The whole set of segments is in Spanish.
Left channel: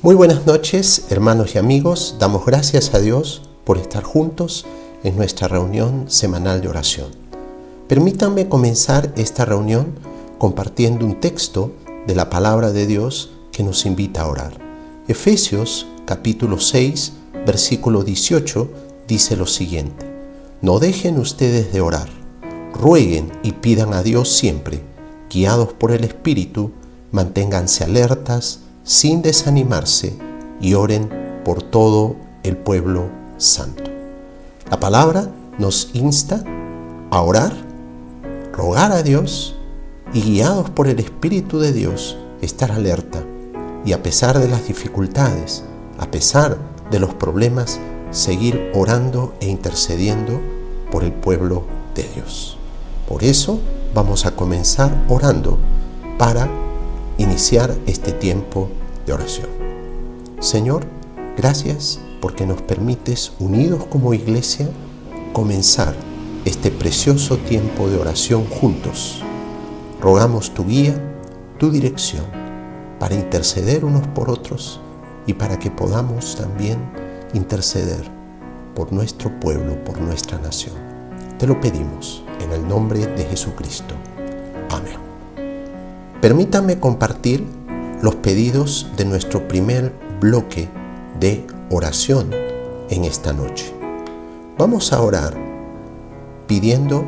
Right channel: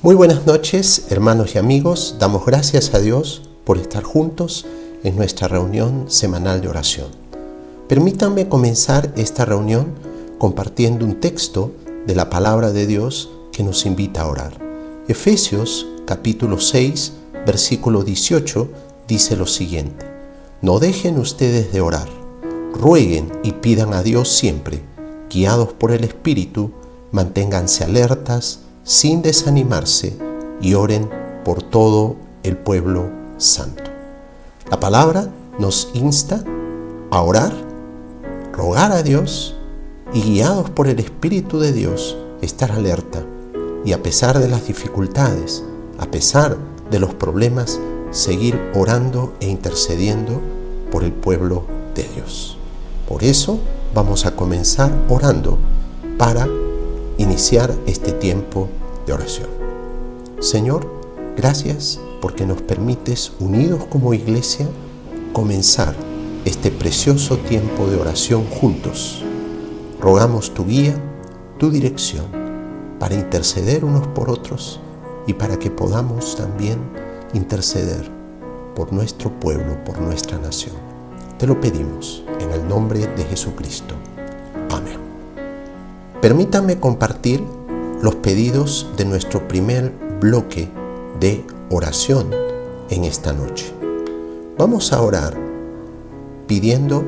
Muy buenas noches, hermanos y amigos. Damos gracias a Dios por estar juntos en nuestra reunión semanal de oración. Permítanme comenzar esta reunión compartiendo un texto de la palabra de Dios que nos invita a orar. Efesios capítulo 6, versículo 18 dice lo siguiente: No dejen ustedes de orar, rueguen y pidan a Dios siempre, guiados por el Espíritu, manténganse alertas, sin desanimarse, y oren por todo el pueblo santo. La palabra nos insta a orar, rogar a Dios y, guiados por el Espíritu de Dios, estar alerta y, a pesar de las dificultades, a pesar de los problemas, seguir orando e intercediendo por el pueblo de Dios. Por eso vamos a comenzar orando para iniciar este tiempo de oración. Señor, gracias porque nos permites, unidos como iglesia, comenzar este precioso tiempo de oración juntos. Rogamos tu guía, tu dirección, para interceder unos por otros y para que podamos también interceder por nuestro pueblo, por nuestra nación. Te lo pedimos en el nombre de Jesucristo. Amén. Permítanme compartir los pedidos de nuestro primer bloque de oración en esta noche. Vamos a orar pidiendo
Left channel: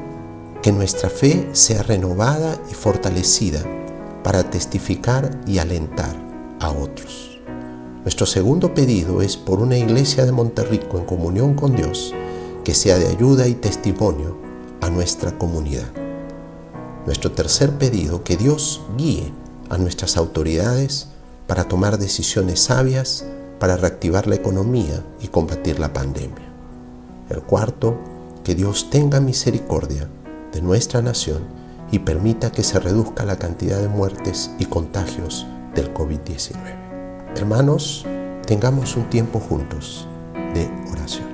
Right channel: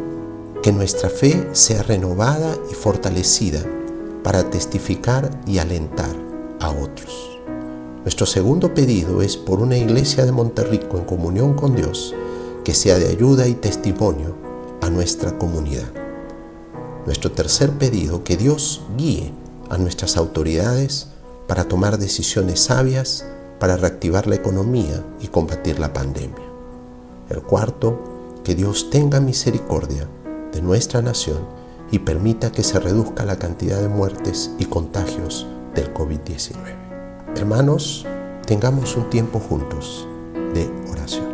que nuestra fe sea renovada y fortalecida para testificar y alentar a otros. Nuestro segundo pedido es por una iglesia de Monterrico en comunión con Dios que sea de ayuda y testimonio a nuestra comunidad. Nuestro tercer pedido, que Dios guíe a nuestras autoridades para tomar decisiones sabias para reactivar la economía y combatir la pandemia. El cuarto, que Dios tenga misericordia de nuestra nación y permita que se reduzca la cantidad de muertes y contagios del COVID-19. Hermanos, tengamos un tiempo juntos de oración.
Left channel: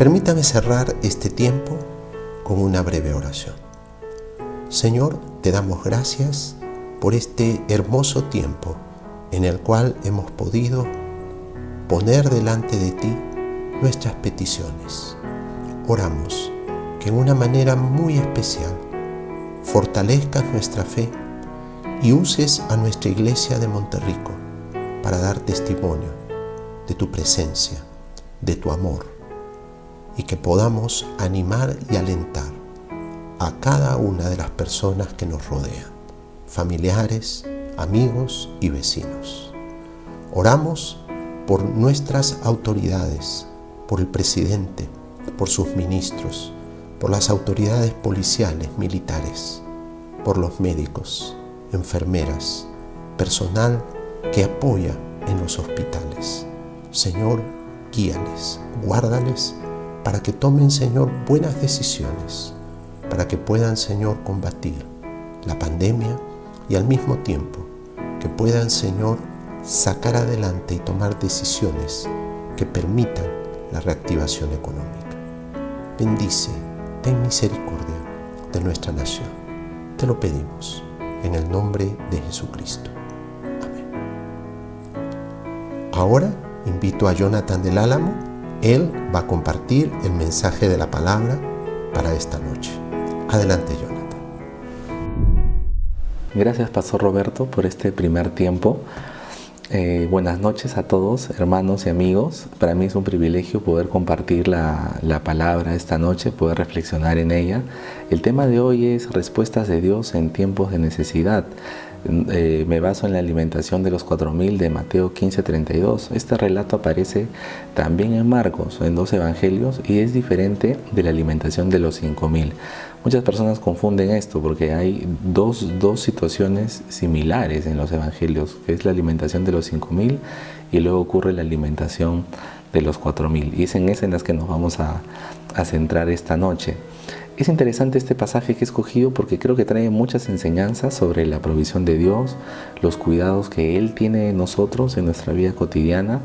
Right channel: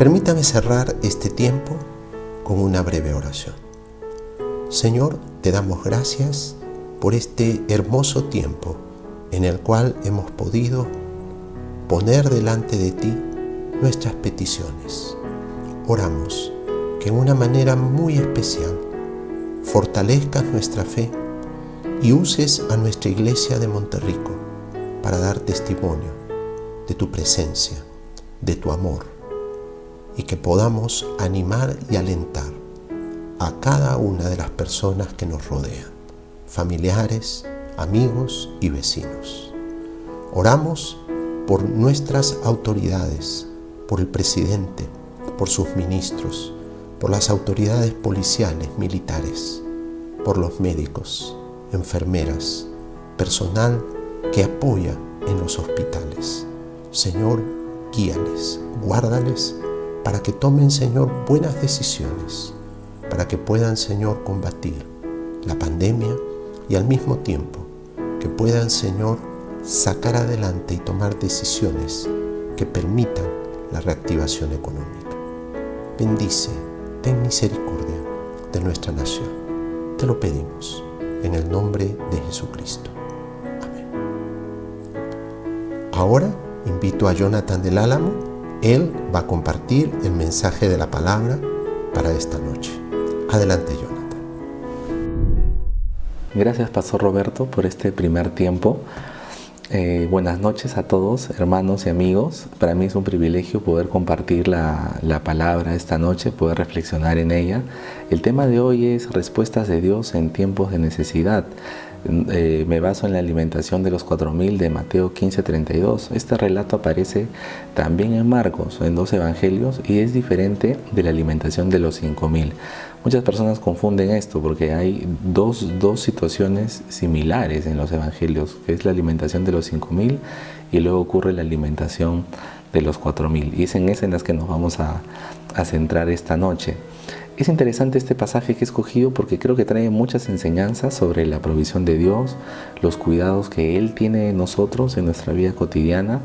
Permítame cerrar este tiempo con una breve oración. Señor, te damos gracias por este hermoso tiempo en el cual hemos podido poner delante de ti nuestras peticiones. Oramos que en una manera muy especial fortalezcas nuestra fe y uses a nuestra iglesia de Monterrico para dar testimonio de tu presencia, de tu amor, y que podamos animar y alentar a cada una de las personas que nos rodean, familiares, amigos y vecinos. Oramos por nuestras autoridades, por el presidente, por sus ministros, por las autoridades policiales, militares, por los médicos, enfermeras, personal que apoya en los hospitales. Señor, guíales, guárdales para que tomen, Señor, buenas decisiones, para que puedan, Señor, combatir la pandemia y al mismo tiempo que puedan, Señor, sacar adelante y tomar decisiones que permitan la reactivación económica. Bendice, ten misericordia de nuestra nación. Te lo pedimos en el nombre de Jesucristo. Amén. Ahora invito a Jonathan del Álamo. Él va a compartir el mensaje de la palabra para esta noche. Adelante, Jonathan. Gracias, Pastor Roberto, por este primer tiempo. Buenas noches a todos, hermanos y amigos. Para mí es un privilegio poder compartir la palabra esta noche, poder reflexionar en ella. El tema de hoy es respuestas de Dios en tiempos de necesidad. Me baso en la alimentación de los 4,000 de Mateo 15:32. Este relato aparece también en Marcos, en 2 evangelios, y es diferente de la alimentación de los 5,000. Muchas personas confunden esto porque hay dos situaciones similares en los evangelios, que es la alimentación de los 5,000 y luego ocurre la alimentación de los 4,000. Y es en esa en las que nos vamos a centrar esta noche. Es interesante este pasaje que he escogido porque creo que trae muchas enseñanzas sobre la provisión de Dios, los cuidados que Él tiene en nosotros en nuestra vida cotidiana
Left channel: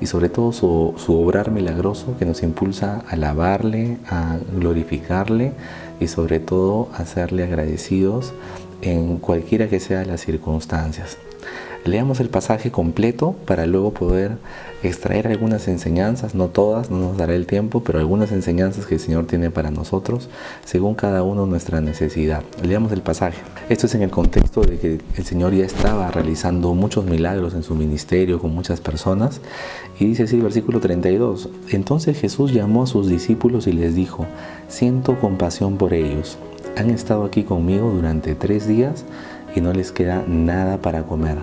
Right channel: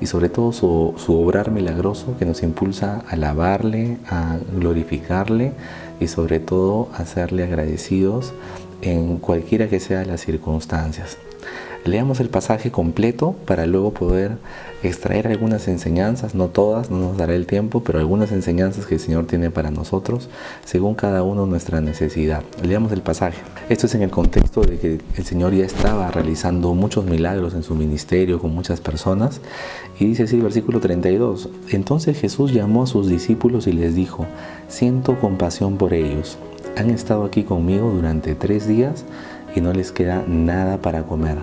y sobre todo su obrar milagroso que nos impulsa a alabarle, a glorificarle y sobre todo a serle agradecidos en cualquiera que sean las circunstancias. Leamos el pasaje completo para luego poder extraer algunas enseñanzas, no todas, no nos dará el tiempo, pero algunas enseñanzas que el Señor tiene para nosotros según cada uno nuestra necesidad. Leamos el pasaje. Esto es en el contexto de que el Señor ya estaba realizando muchos milagros en su ministerio con muchas personas y dice así el versículo 32. Entonces Jesús llamó a sus discípulos y les dijo: siento compasión por ellos. Han estado aquí conmigo durante 3 días y no les queda nada para comer.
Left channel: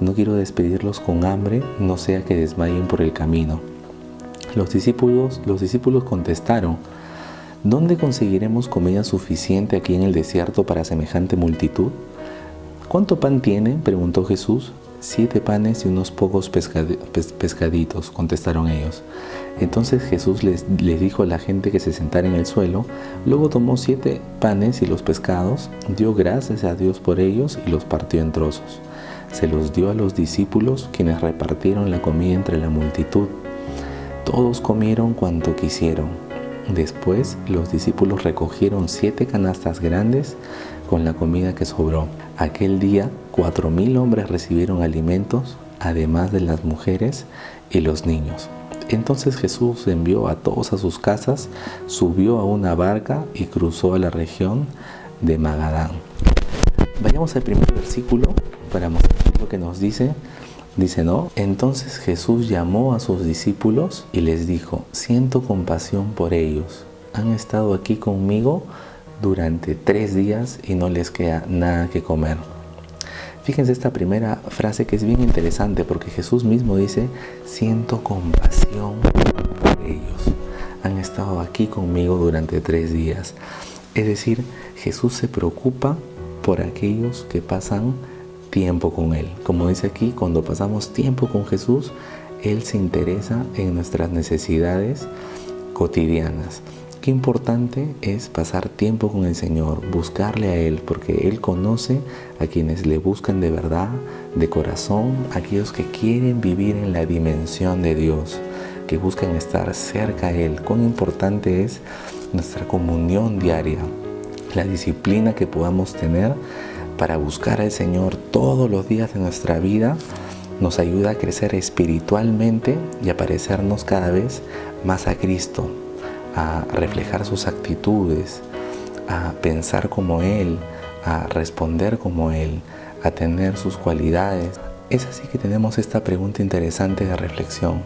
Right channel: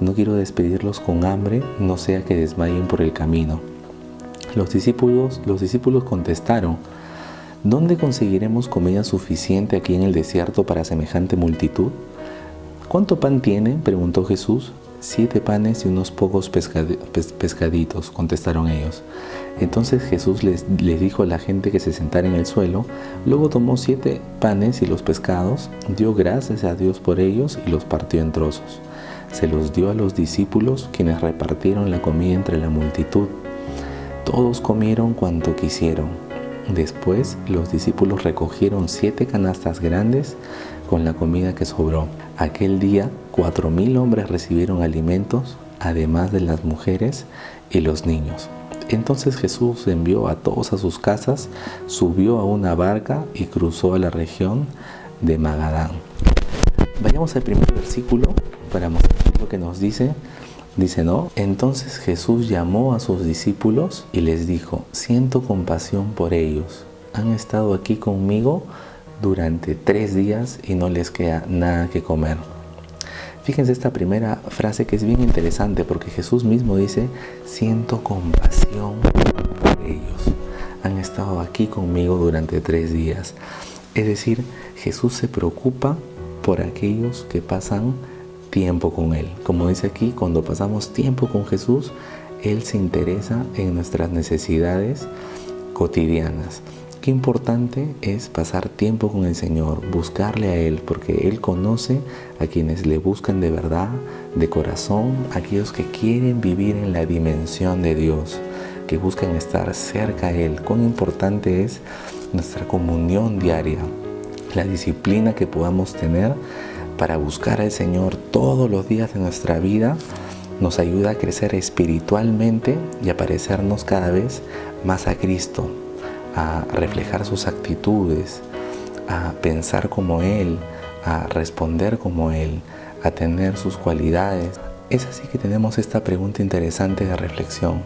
No quiero despedirlos con hambre, no sea que desmayen por el camino. Los discípulos contestaron: ¿dónde conseguiremos comida suficiente aquí en el desierto para semejante multitud? ¿Cuánto pan tienen?, preguntó Jesús. 7 panes y unos pocos pescaditos, contestaron ellos. Entonces Jesús les dijo a la gente que se sentara en el suelo. Luego tomó 7 panes y los pescados, dio gracias a Dios por ellos y los partió en trozos. Se los dio a los discípulos, quienes repartieron la comida entre la multitud. Todos comieron cuanto quisieron. Después los discípulos recogieron 7 canastas grandes con la comida que sobró. Aquel día 4,000 hombres recibieron alimentos, además de las mujeres y los niños. Entonces Jesús envió a todos a sus casas, subió a una barca y cruzó a la región de Magadán. Vayamos al primer versículo para mostrar lo que nos dice. Dice, ¿no? Entonces Jesús llamó a sus discípulos y les dijo: siento compasión por ellos. Han estado aquí conmigo durante 3 días y no les queda nada que comer. Fíjense esta primera frase que es bien interesante porque Jesús mismo dice: siento compasión por ellos. Han estado aquí conmigo durante 3 días. Es decir, Jesús se preocupa por aquellos que pasan tiempo con Él. Como dice aquí, cuando pasamos tiempo con Jesús, Él se interesa en nuestras necesidades cotidianas. Qué importante es pasar tiempo con el Señor, buscarle a Él, porque Él conoce a quienes le buscan de verdad, de corazón, aquellos que quieren vivir en la dimensión de Dios. que buscan estar cerca a Él. Cuán importante es nuestra comunión diaria, la disciplina que podamos tener para buscar al Señor todos los días de nuestra vida. Nos ayuda a crecer espiritualmente y a parecernos cada vez más a Cristo, a reflejar sus actitudes, a pensar como Él, a responder como Él, a tener sus cualidades. Es así que tenemos esta pregunta interesante de reflexión.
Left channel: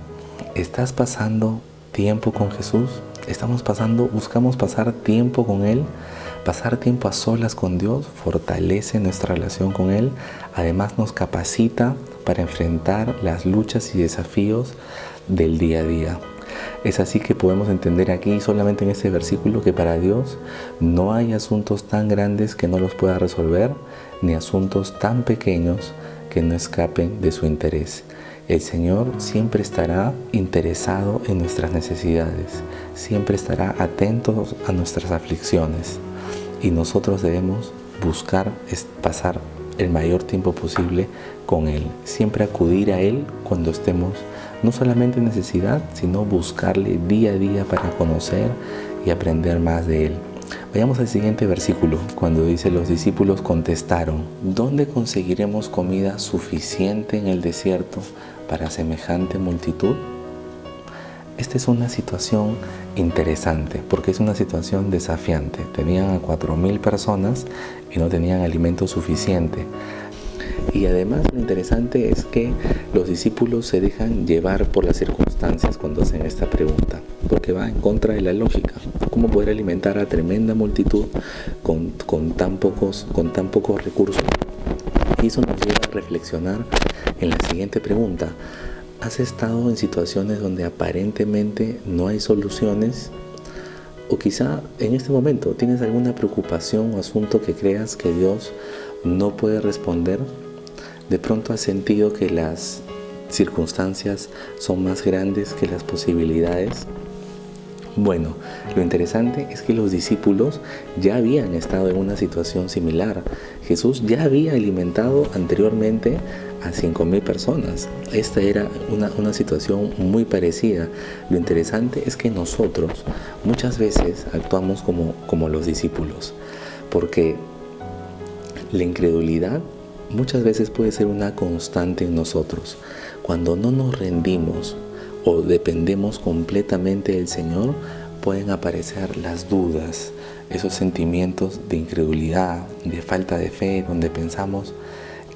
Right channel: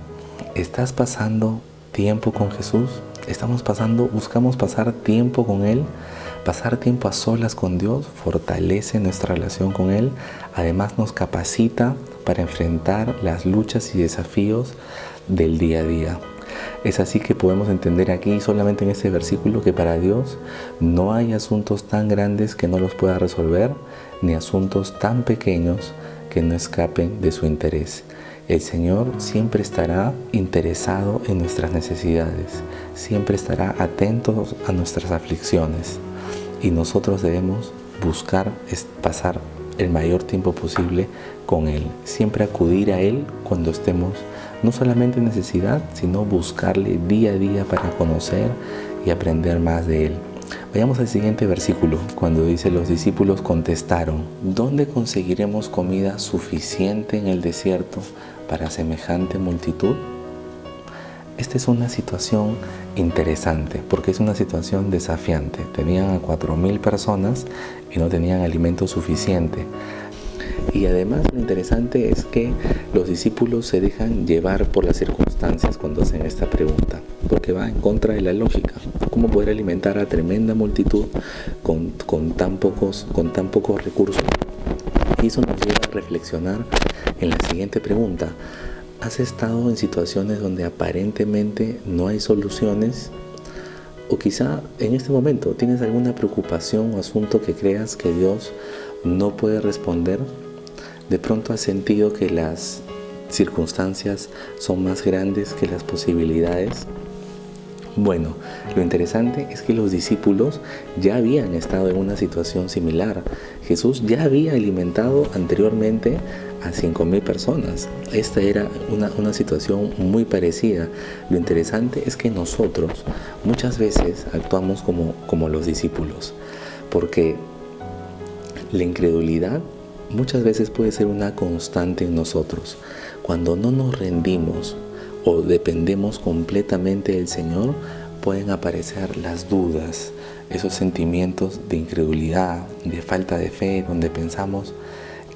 ¿Estás pasando tiempo con Jesús? ¿Buscamos pasar tiempo con Él? Pasar tiempo a solas con Dios fortalece nuestra relación con Él. Además nos capacita para enfrentar las luchas y desafíos del día a día. Es así que podemos entender aquí, solamente en este versículo, que para Dios no hay asuntos tan grandes que no los pueda resolver, ni asuntos tan pequeños que no escapen de su interés. El Señor siempre estará interesado en nuestras necesidades, siempre estará atento a nuestras aflicciones, y nosotros debemos buscar pasar el mayor tiempo posible con Él, siempre acudir a Él cuando estemos no solamente en necesidad, sino buscarle día a día para conocer y aprender más de Él. Vayamos al siguiente versículo, cuando dice: los discípulos contestaron: ¿dónde conseguiremos comida suficiente en el desierto para semejante multitud? Esta es una situación interesante, porque es una situación desafiante. Tenían a 4.000 personas y no tenían alimento suficiente. Y además lo interesante es que los discípulos se dejan llevar por las circunstancias cuando hacen esta pregunta, porque va en contra de la lógica. ¿Cómo poder alimentar a tremenda multitud con tan pocos recursos? Y eso nos lleva a reflexionar en la siguiente pregunta. ¿Has estado en situaciones donde aparentemente no hay soluciones? O quizá en este momento tienes alguna preocupación o asunto que creas que Dios no puede responder. De pronto has sentido que las circunstancias son más grandes que las posibilidades. Bueno, lo interesante es que los discípulos ya habían estado en una situación similar. Jesús ya había alimentado anteriormente a 5.000 personas. Esta era una situación muy parecida. Lo interesante es que nosotros muchas veces actuamos como los discípulos, porque la incredulidad muchas veces puede ser una constante en nosotros. Cuando no nos rendimos o dependemos completamente del Señor, pueden aparecer las dudas, esos sentimientos de incredulidad, de falta de fe, donde pensamos:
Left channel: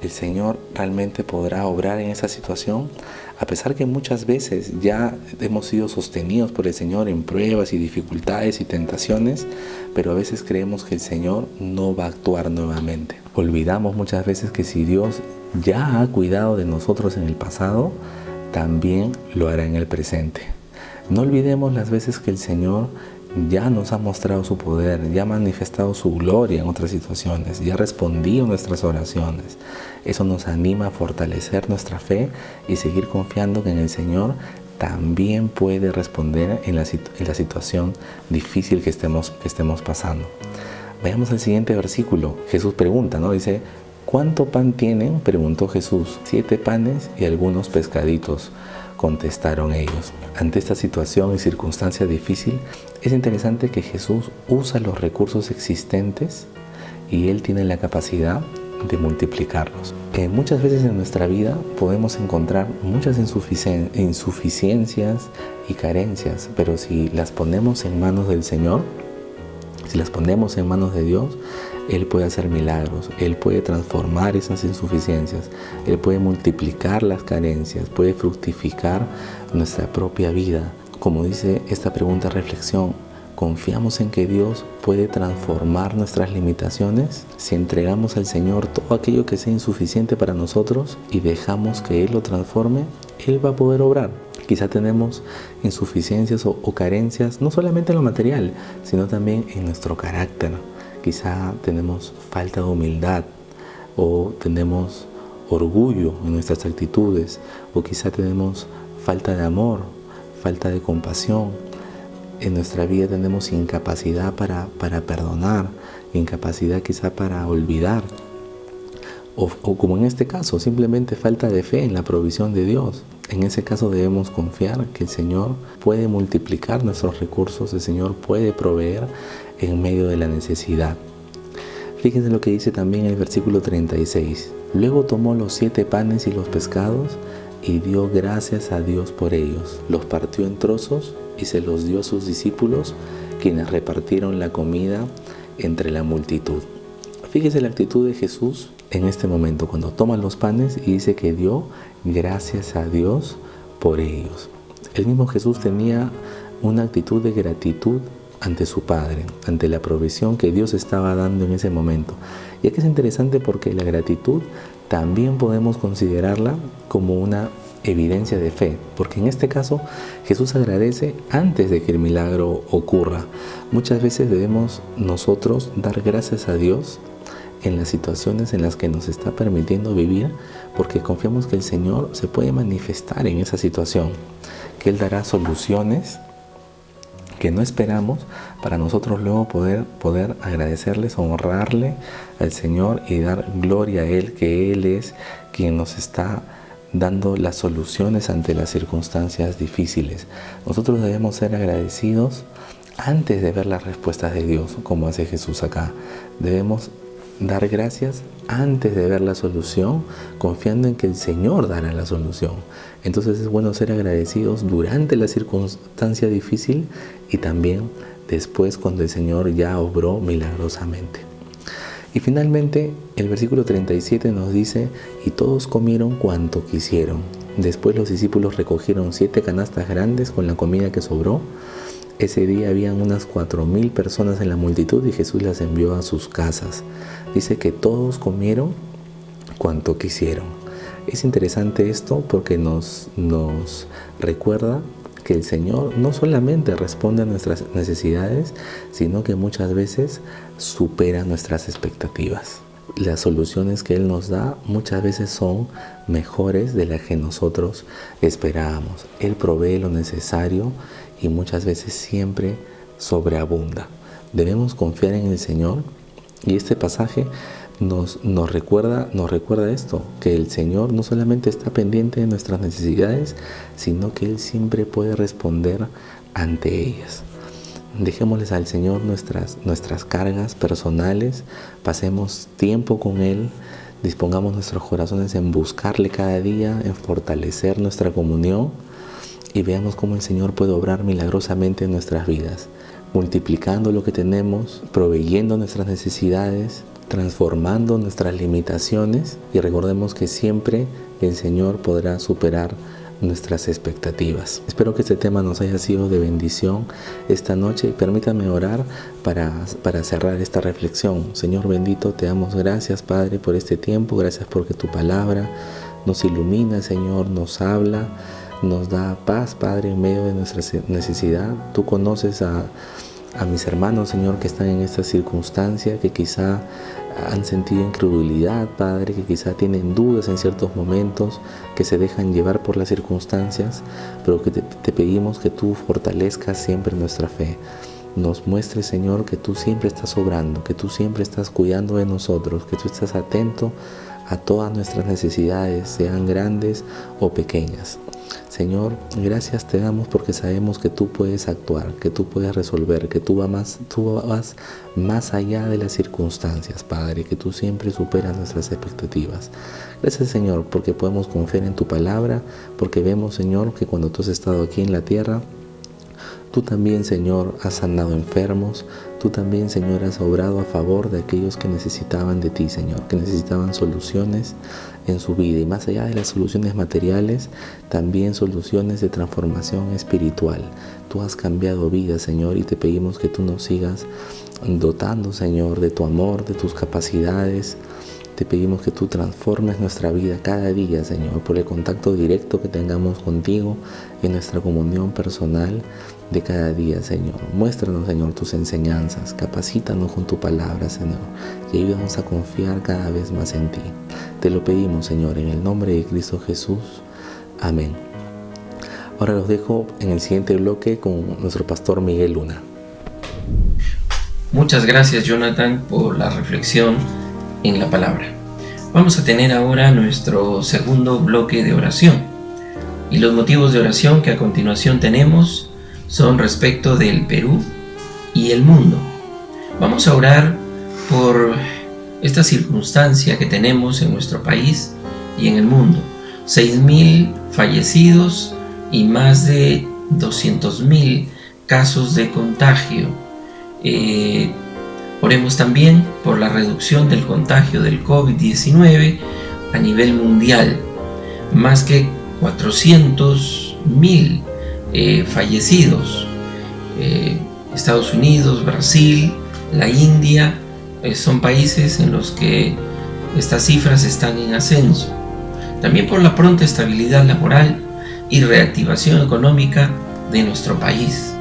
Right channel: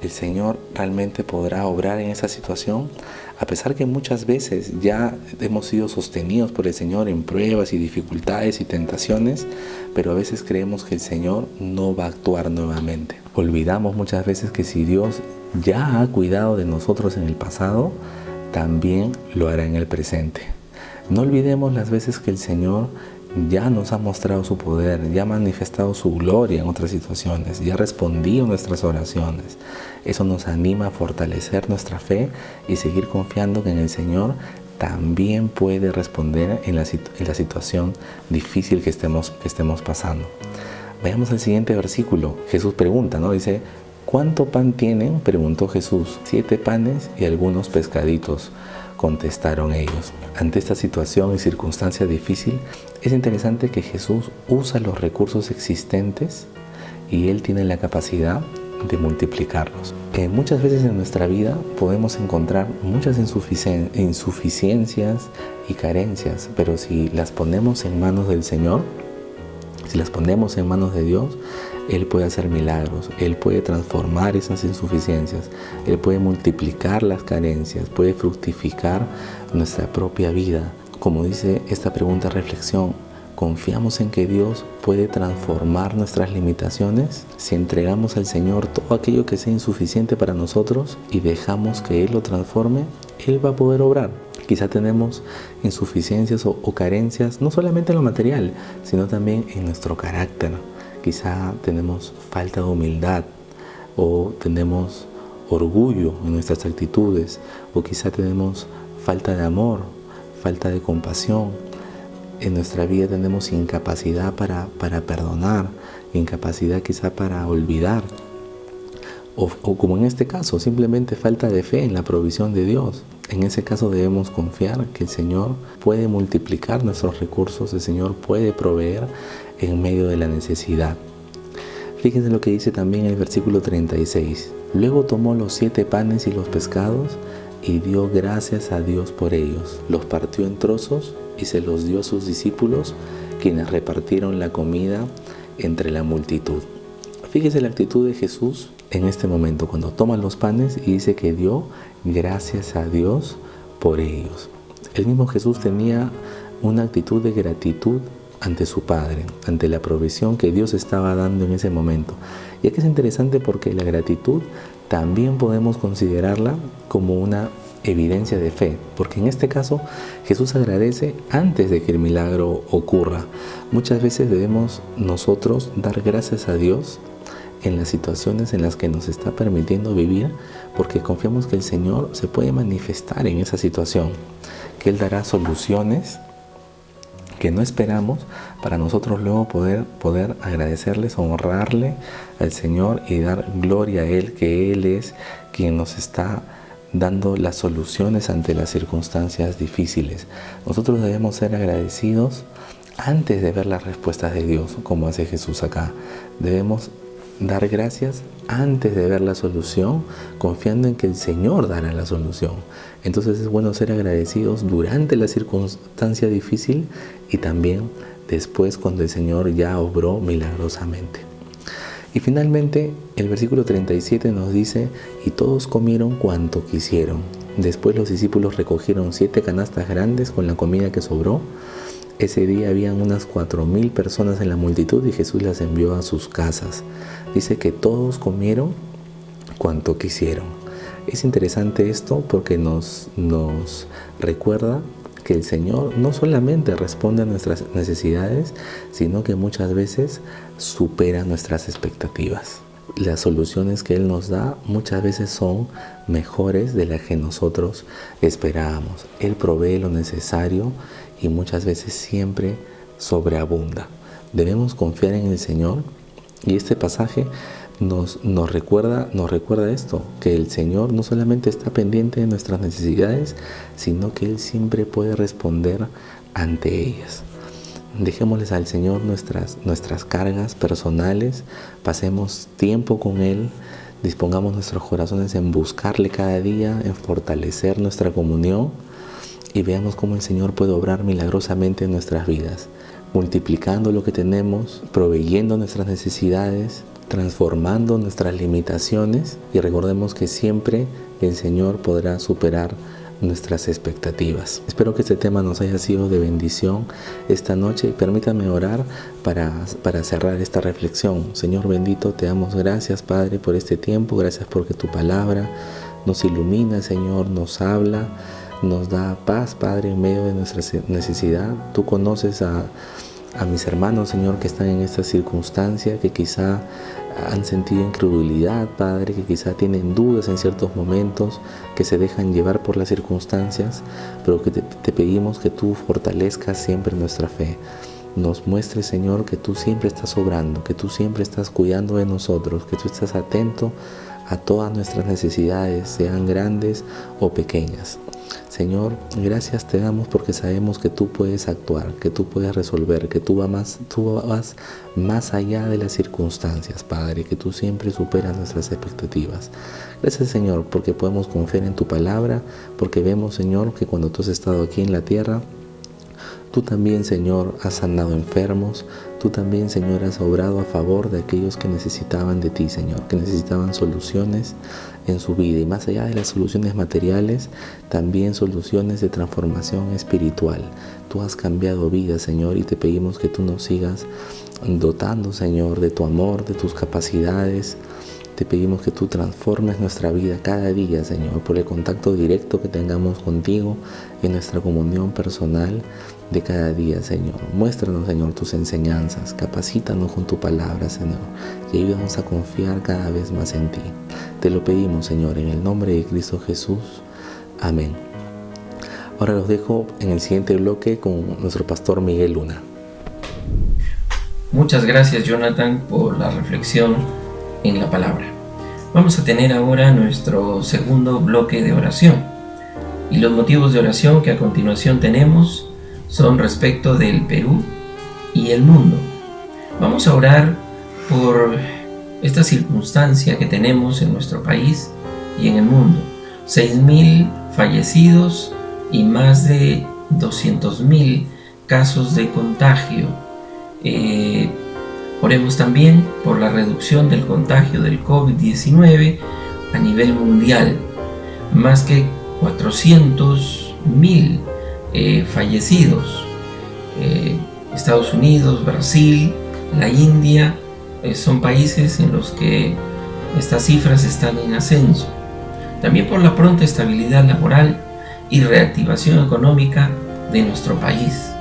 ¿el Señor realmente podrá obrar en esa situación? A pesar que muchas veces ya hemos sido sostenidos por el Señor en pruebas y dificultades y tentaciones, pero a veces creemos que el Señor no va a actuar nuevamente. Olvidamos muchas veces que si Dios ya ha cuidado de nosotros en el pasado, también lo hará en el presente. No olvidemos las veces que el Señor ya nos ha mostrado su poder, ya ha manifestado su gloria en otras situaciones, ya ha respondido a nuestras oraciones. Eso nos anima a fortalecer nuestra fe y seguir confiando que en el Señor también puede responder en la situación difícil que estemos pasando. Veamos el siguiente versículo. Jesús pregunta, ¿no? Dice: ¿cuánto pan tienen?, preguntó Jesús. 7 panes y algunos pescaditos, contestaron ellos. Ante esta situación y circunstancia difícil, es interesante que Jesús usa los recursos existentes y Él tiene la capacidad de multiplicarlos. Muchas veces en nuestra vida podemos encontrar muchas insuficiencias y carencias, pero si las ponemos en manos del Señor, si las ponemos en manos de Dios, Él puede hacer milagros, Él puede transformar esas insuficiencias, Él puede multiplicar las carencias, puede fructificar nuestra propia vida. Como dice esta pregunta reflexión, ¿confiamos en que Dios puede transformar nuestras limitaciones? Si entregamos al Señor todo aquello que sea insuficiente para nosotros y dejamos que Él lo transforme, Él va a poder obrar. Quizá tenemos insuficiencias o carencias, no solamente en lo material, sino también en nuestro carácter. Quizá tenemos falta de humildad, o tenemos orgullo en nuestras actitudes, o quizá tenemos falta de amor, falta de compasión. En nuestra vida tenemos incapacidad para perdonar, incapacidad quizá para olvidar. O como en este caso, simplemente falta de fe en la provisión de Dios. En ese caso debemos confiar que el Señor puede multiplicar nuestros recursos, el Señor puede proveer en medio de la necesidad. Fíjense lo que dice también el versículo 36. Luego tomó los 7 panes y los pescados y dio gracias a Dios por ellos. Los partió en trozos y se los dio a sus discípulos, quienes repartieron la comida entre la multitud. Fíjese la actitud de Jesús en este momento, cuando toma los panes y dice que dio gracias a Dios por ellos. El mismo Jesús tenía una actitud de gratitud ante su Padre, ante la provisión que Dios estaba dando en ese momento. Y aquí es interesante porque la gratitud también podemos considerarla como una evidencia de fe, porque en este caso Jesús agradece antes de que el milagro ocurra. Muchas veces debemos nosotros dar gracias a Dios en las situaciones en las que nos está permitiendo vivir, porque confiamos que el Señor se puede manifestar en esa situación, que Él dará soluciones que no esperamos para nosotros luego poder agradecerles, honrarle al Señor y dar gloria a Él, que Él es quien nos está dando las soluciones ante las circunstancias difíciles. Nosotros debemos ser agradecidos antes de ver las respuestas de Dios, como hace Jesús acá. Debemos dar gracias antes de ver la solución, confiando en que el Señor dará la solución. Entonces es bueno ser agradecidos durante la circunstancia difícil y también después cuando el Señor ya obró milagrosamente. Y finalmente el versículo 37 nos dice: y todos comieron cuanto quisieron. Después los discípulos recogieron 7 canastas grandes con la comida que sobró. Ese día habían unas 4,000 personas en la multitud y Jesús las envió a sus casas. Dice que todos comieron cuanto quisieron. Es interesante esto porque nos recuerda que el Señor no solamente responde a nuestras necesidades, sino que muchas veces supera nuestras expectativas. Las soluciones que Él nos da muchas veces son mejores de las que nosotros esperábamos. Él provee lo necesario y muchas veces siempre sobreabunda. Debemos confiar en el Señor, y este pasaje nos recuerda esto, que el Señor no solamente está pendiente de nuestras necesidades, sino que Él siempre puede responder ante ellas. Dejémosles al Señor nuestras cargas personales, pasemos tiempo con Él, dispongamos nuestros corazones en buscarle cada día, en fortalecer nuestra comunión, y veamos cómo el Señor puede obrar milagrosamente en nuestras vidas, multiplicando lo que tenemos, proveyendo nuestras necesidades, transformando nuestras limitaciones, y recordemos que siempre el Señor podrá superar nuestras expectativas. Espero que este tema nos haya sido de bendición esta noche, y permítame orar para cerrar esta reflexión. Señor bendito, te damos gracias, Padre, por este tiempo. Gracias porque tu palabra nos ilumina, Señor, nos habla, nos da paz, Padre, en medio de nuestra necesidad. Tú conoces a mis hermanos, Señor, que están en esta circunstancia, que quizá han sentido incredulidad, Padre, que quizá tienen dudas en ciertos momentos, que se dejan llevar por las circunstancias, pero que te pedimos que tú fortalezcas siempre nuestra fe. Nos muestres, Señor, que tú siempre estás obrando, que tú siempre estás cuidando de nosotros, que tú estás atento a todas nuestras necesidades, sean grandes o pequeñas. Señor, gracias te damos porque sabemos que tú puedes actuar, que tú puedes resolver, que tú vas más allá de las circunstancias, Padre, que tú siempre superas nuestras expectativas. Gracias, Señor, porque podemos confiar en tu palabra, porque vemos, Señor, que cuando tú has estado aquí en la tierra, tú también, Señor, has sanado enfermos. Tú también, Señor, has obrado a favor de aquellos que necesitaban de ti, Señor, que necesitaban soluciones en su vida. Y más allá de las soluciones materiales, también soluciones de transformación espiritual. Tú has cambiado vidas, Señor, y te pedimos que tú nos sigas dotando, Señor, de tu amor, de tus capacidades. Te pedimos que tú transformes nuestra vida cada día, Señor, por el contacto directo que tengamos contigo en nuestra comunión personal de cada día, Señor. Muéstranos, Señor, tus enseñanzas, capacítanos con tu palabra, Señor, y ayúdanos a confiar cada vez más en ti. Te lo pedimos, Señor, en el nombre de Cristo Jesús. Amén. Ahora los dejo en el siguiente bloque con nuestro pastor Miguel Luna. Muchas gracias, Jonathan, por la reflexión en la palabra. Vamos a tener ahora nuestro segundo bloque de oración. Y los motivos de oración que a continuación tenemos son respecto del Perú y el mundo. Vamos a orar por esta circunstancia que tenemos en nuestro país y en el mundo. 6.000 fallecidos y más de 200.000 casos de contagio. Oremos también por la reducción del contagio del COVID-19 a nivel mundial. Más que 400.000 fallecidos. Estados Unidos, Brasil, la India, son países en los que estas cifras están en ascenso. También por la pronta estabilidad laboral y reactivación económica de nuestro país,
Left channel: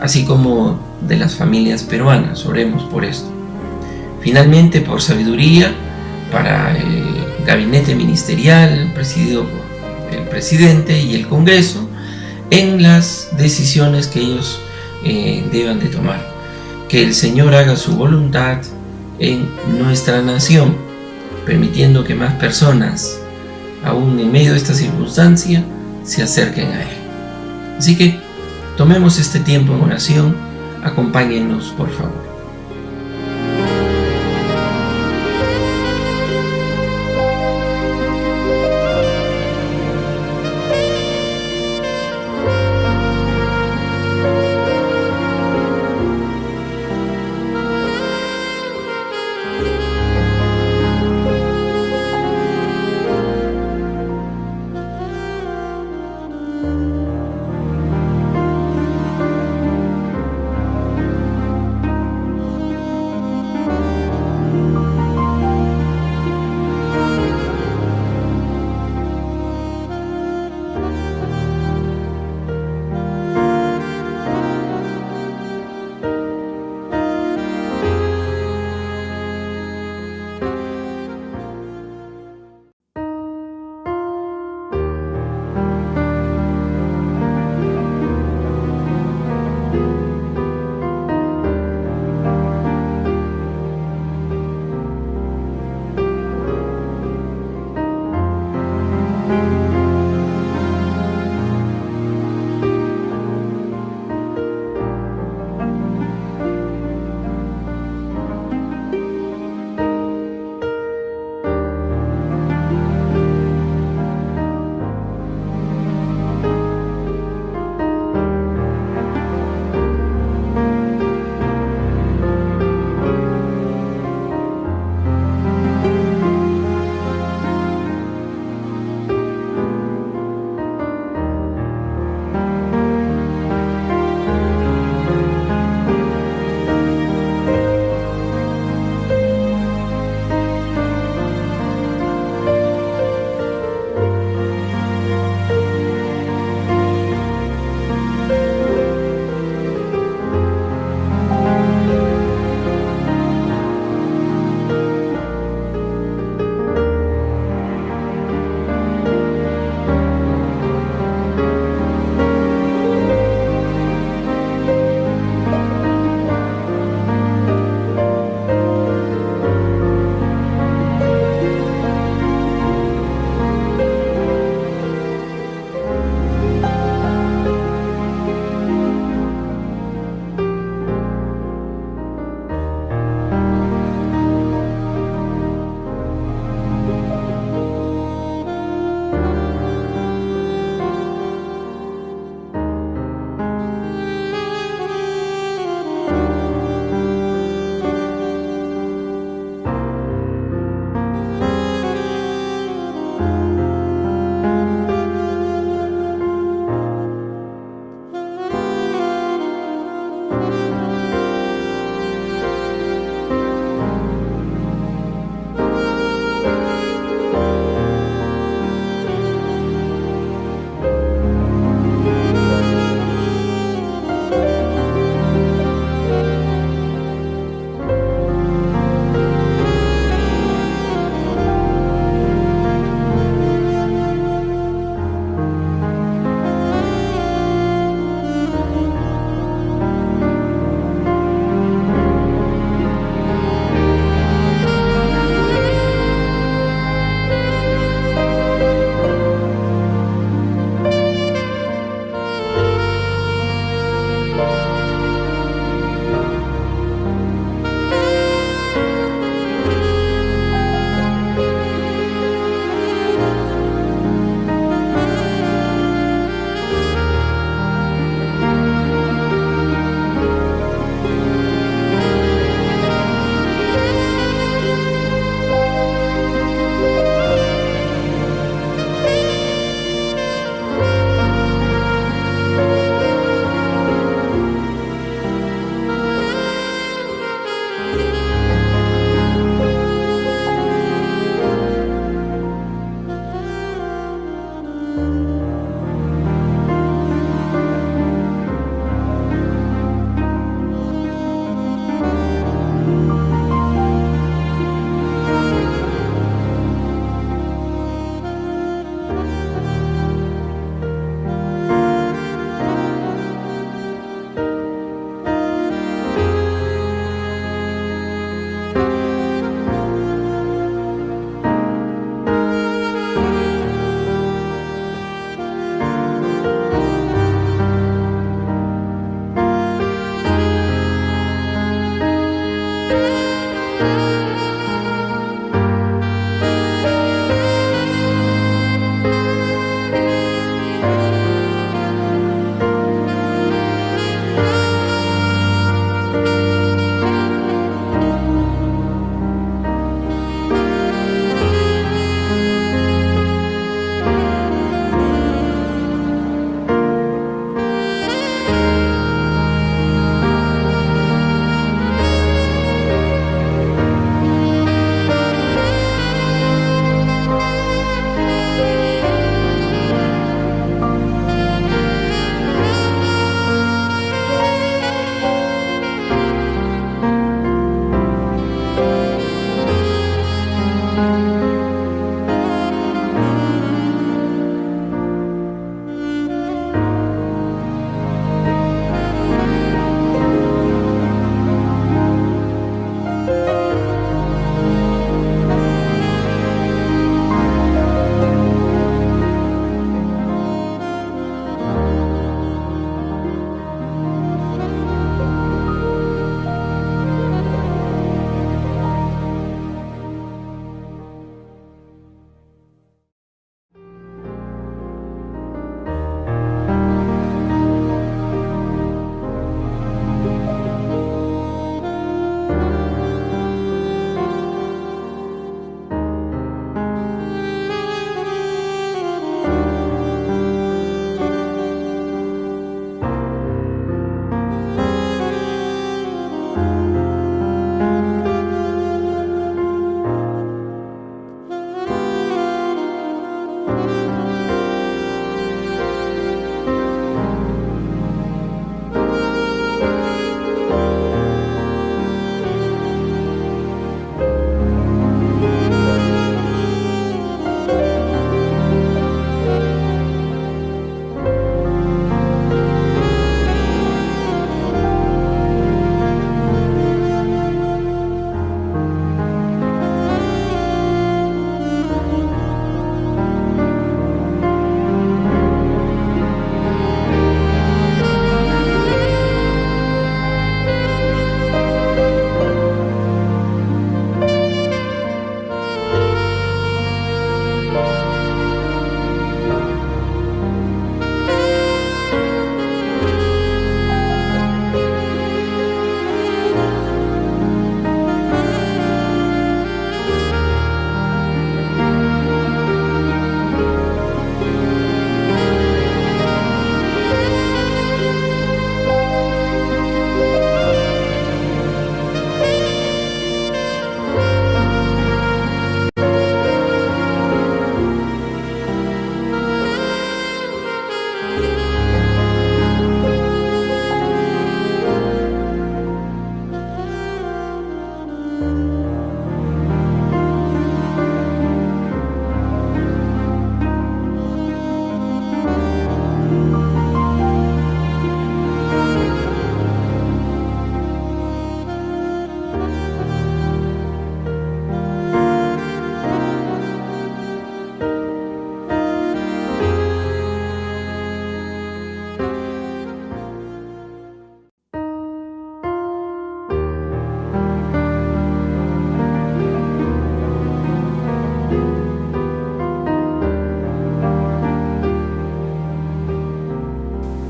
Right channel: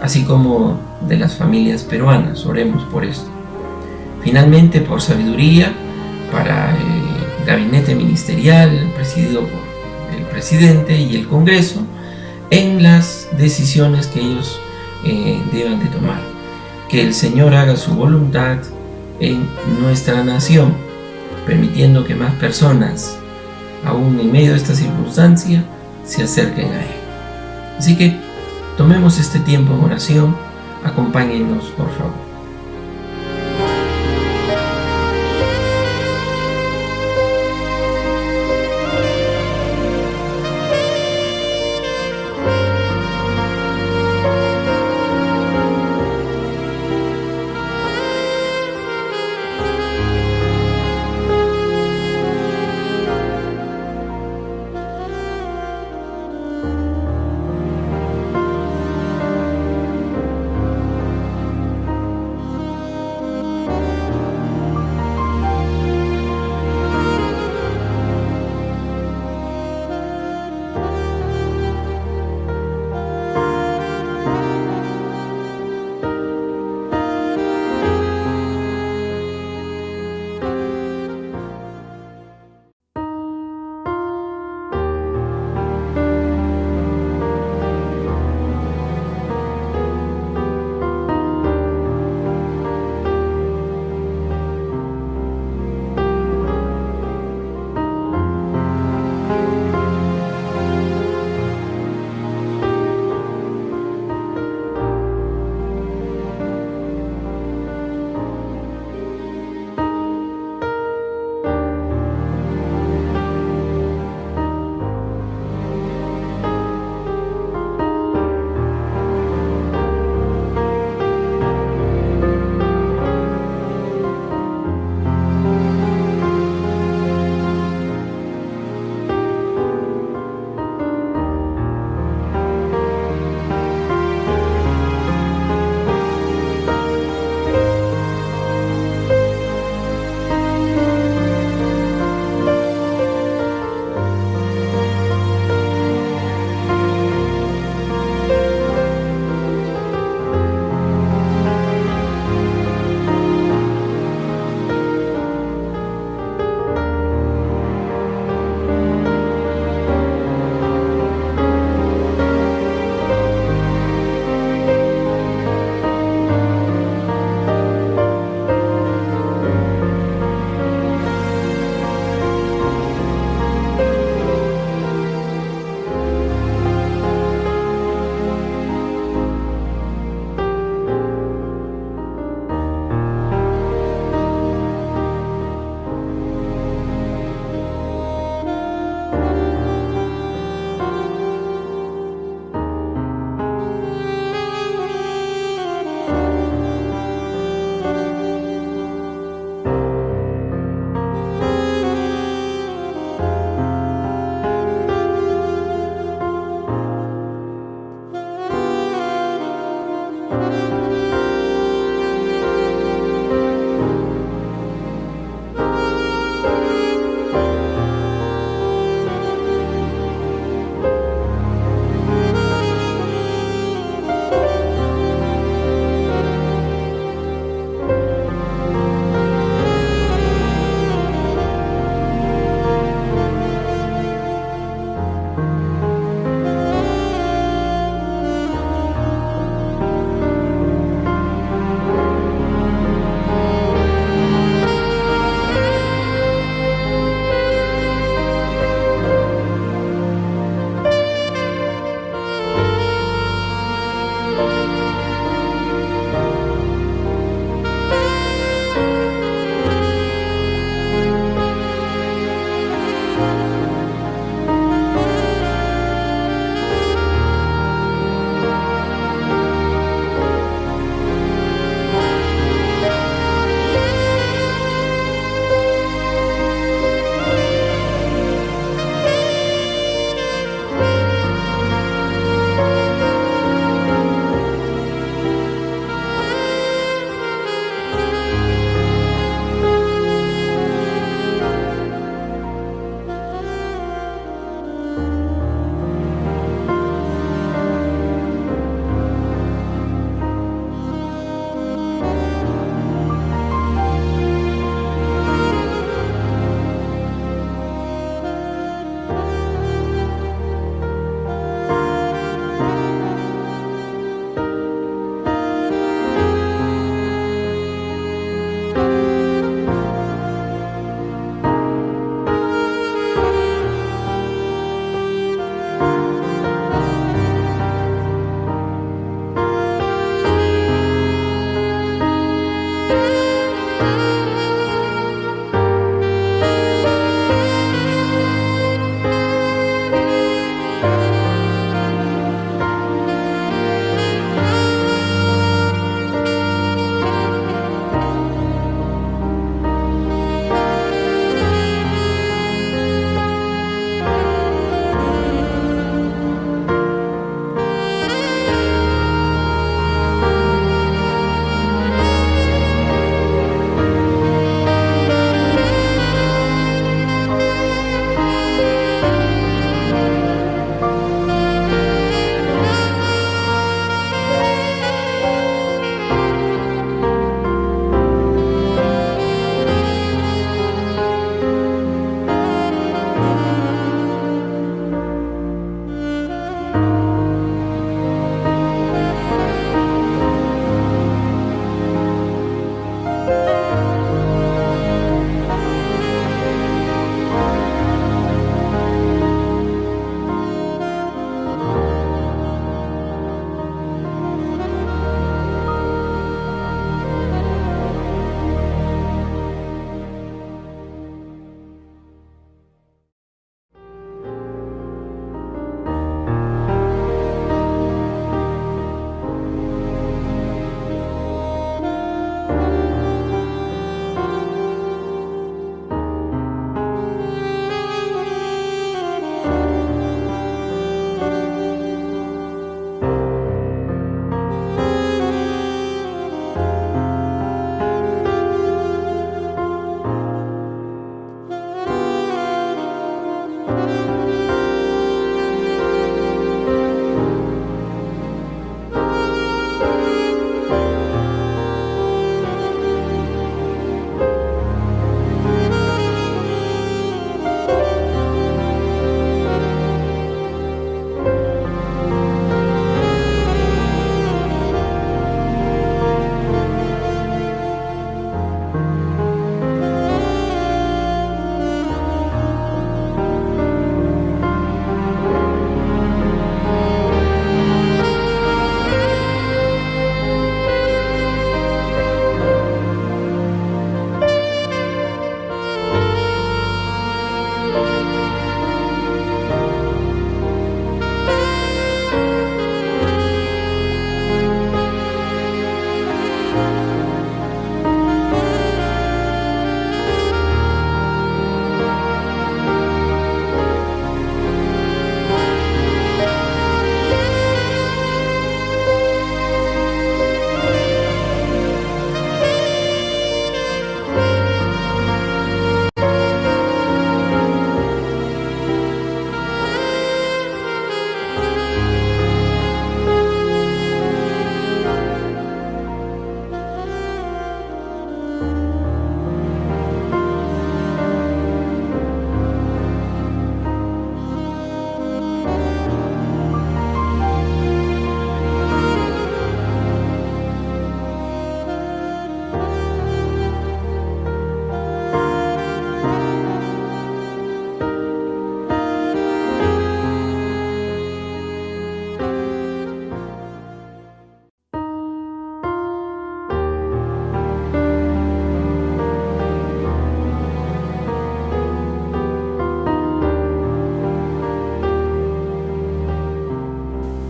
así como de las familias peruanas. Oremos por esto. Finalmente, por sabiduría para el gabinete ministerial presidido por el presidente y el Congreso en las decisiones que ellos deban de tomar. Que el Señor haga su voluntad en nuestra nación, permitiendo que más personas, aún en medio de esta circunstancia, se acerquen a Él. Así que tomemos este tiempo en oración. Acompáñennos, por favor.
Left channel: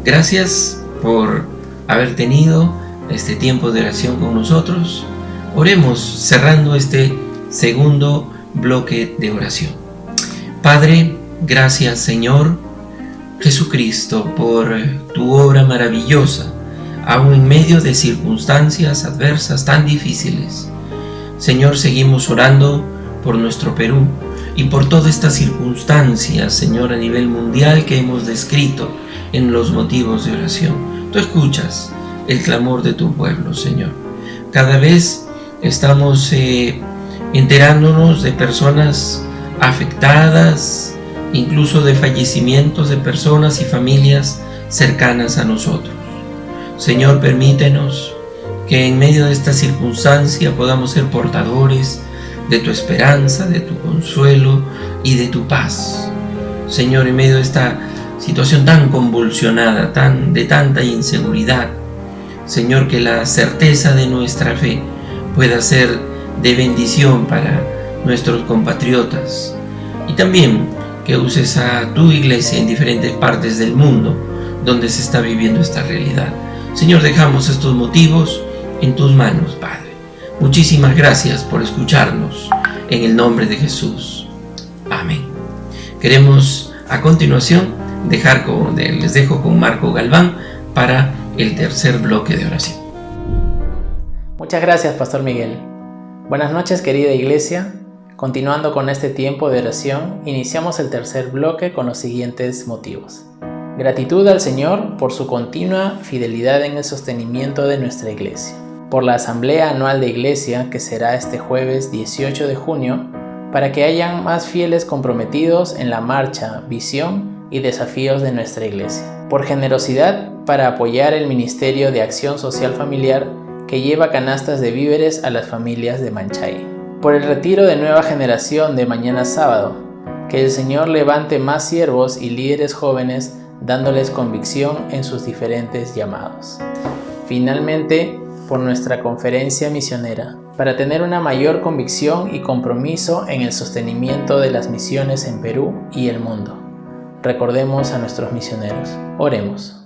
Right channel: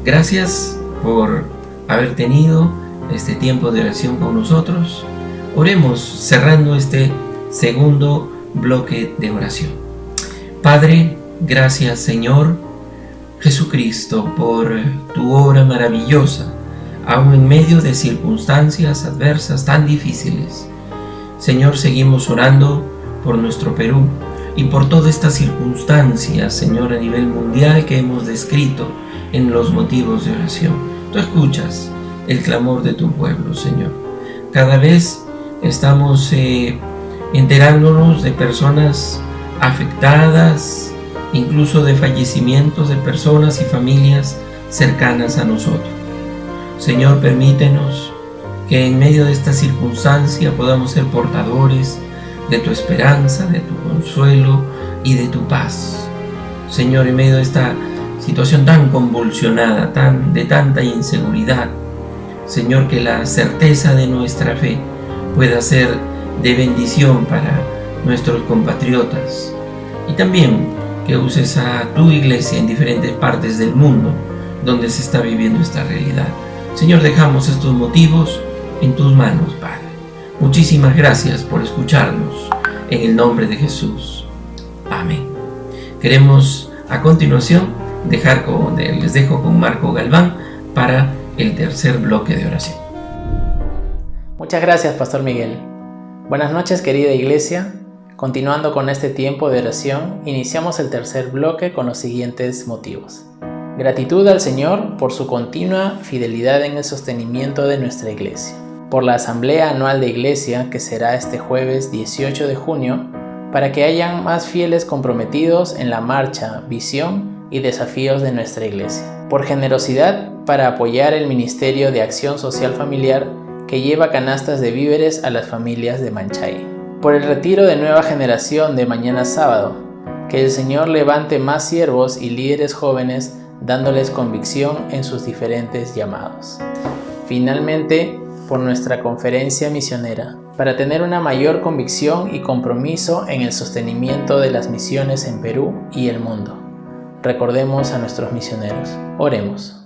Gracias por haber tenido este tiempo de oración con nosotros. Oremos cerrando este segundo bloque de oración. Padre, gracias Señor Jesucristo por tu obra maravillosa, aun en medio de circunstancias adversas tan difíciles. Señor, seguimos orando por nuestro Perú y por todas estas circunstancias, Señor, a nivel mundial que hemos descrito en los motivos de oración. Tú escuchas el clamor de tu pueblo, Señor. Cada vez estamos enterándonos de personas afectadas, incluso de fallecimientos de personas y familias cercanas a nosotros. Señor, permítenos que en medio de esta circunstancia podamos ser portadores de tu esperanza, de tu consuelo y de tu paz. Señor, en medio de esta situación tan convulsionada, de tanta inseguridad, Señor, que la certeza de nuestra fe pueda ser de bendición para nuestros compatriotas, y también que uses a tu iglesia en diferentes partes del mundo donde se está viviendo esta realidad. Señor, dejamos estos motivos en tus manos, Padre. Muchísimas gracias por escucharnos, en el nombre de Jesús. Amén. Queremos a continuación les dejo con Marco Galván para el tercer bloque de oración. Muchas gracias, Pastor Miguel. Buenas noches, querida iglesia. Continuando con este tiempo de oración, iniciamos el tercer bloque con los siguientes motivos. Gratitud al Señor por su continua fidelidad en el sostenimiento de nuestra iglesia. Por la Asamblea Anual de Iglesia, que será este jueves 18 de junio, para que hayan más fieles comprometidos en la marcha, visión y desafíos de nuestra iglesia. Por generosidad para apoyar el Ministerio de Acción Social Familiar, que lleva canastas de víveres a las familias de Manchay. Por el retiro de nueva generación de mañana sábado, que el Señor levante más siervos y líderes jóvenes, dándoles convicción en sus diferentes llamados. Finalmente, por nuestra conferencia misionera, para tener una mayor convicción y compromiso en el sostenimiento de las misiones en Perú y el mundo. Recordemos a nuestros misioneros. Oremos.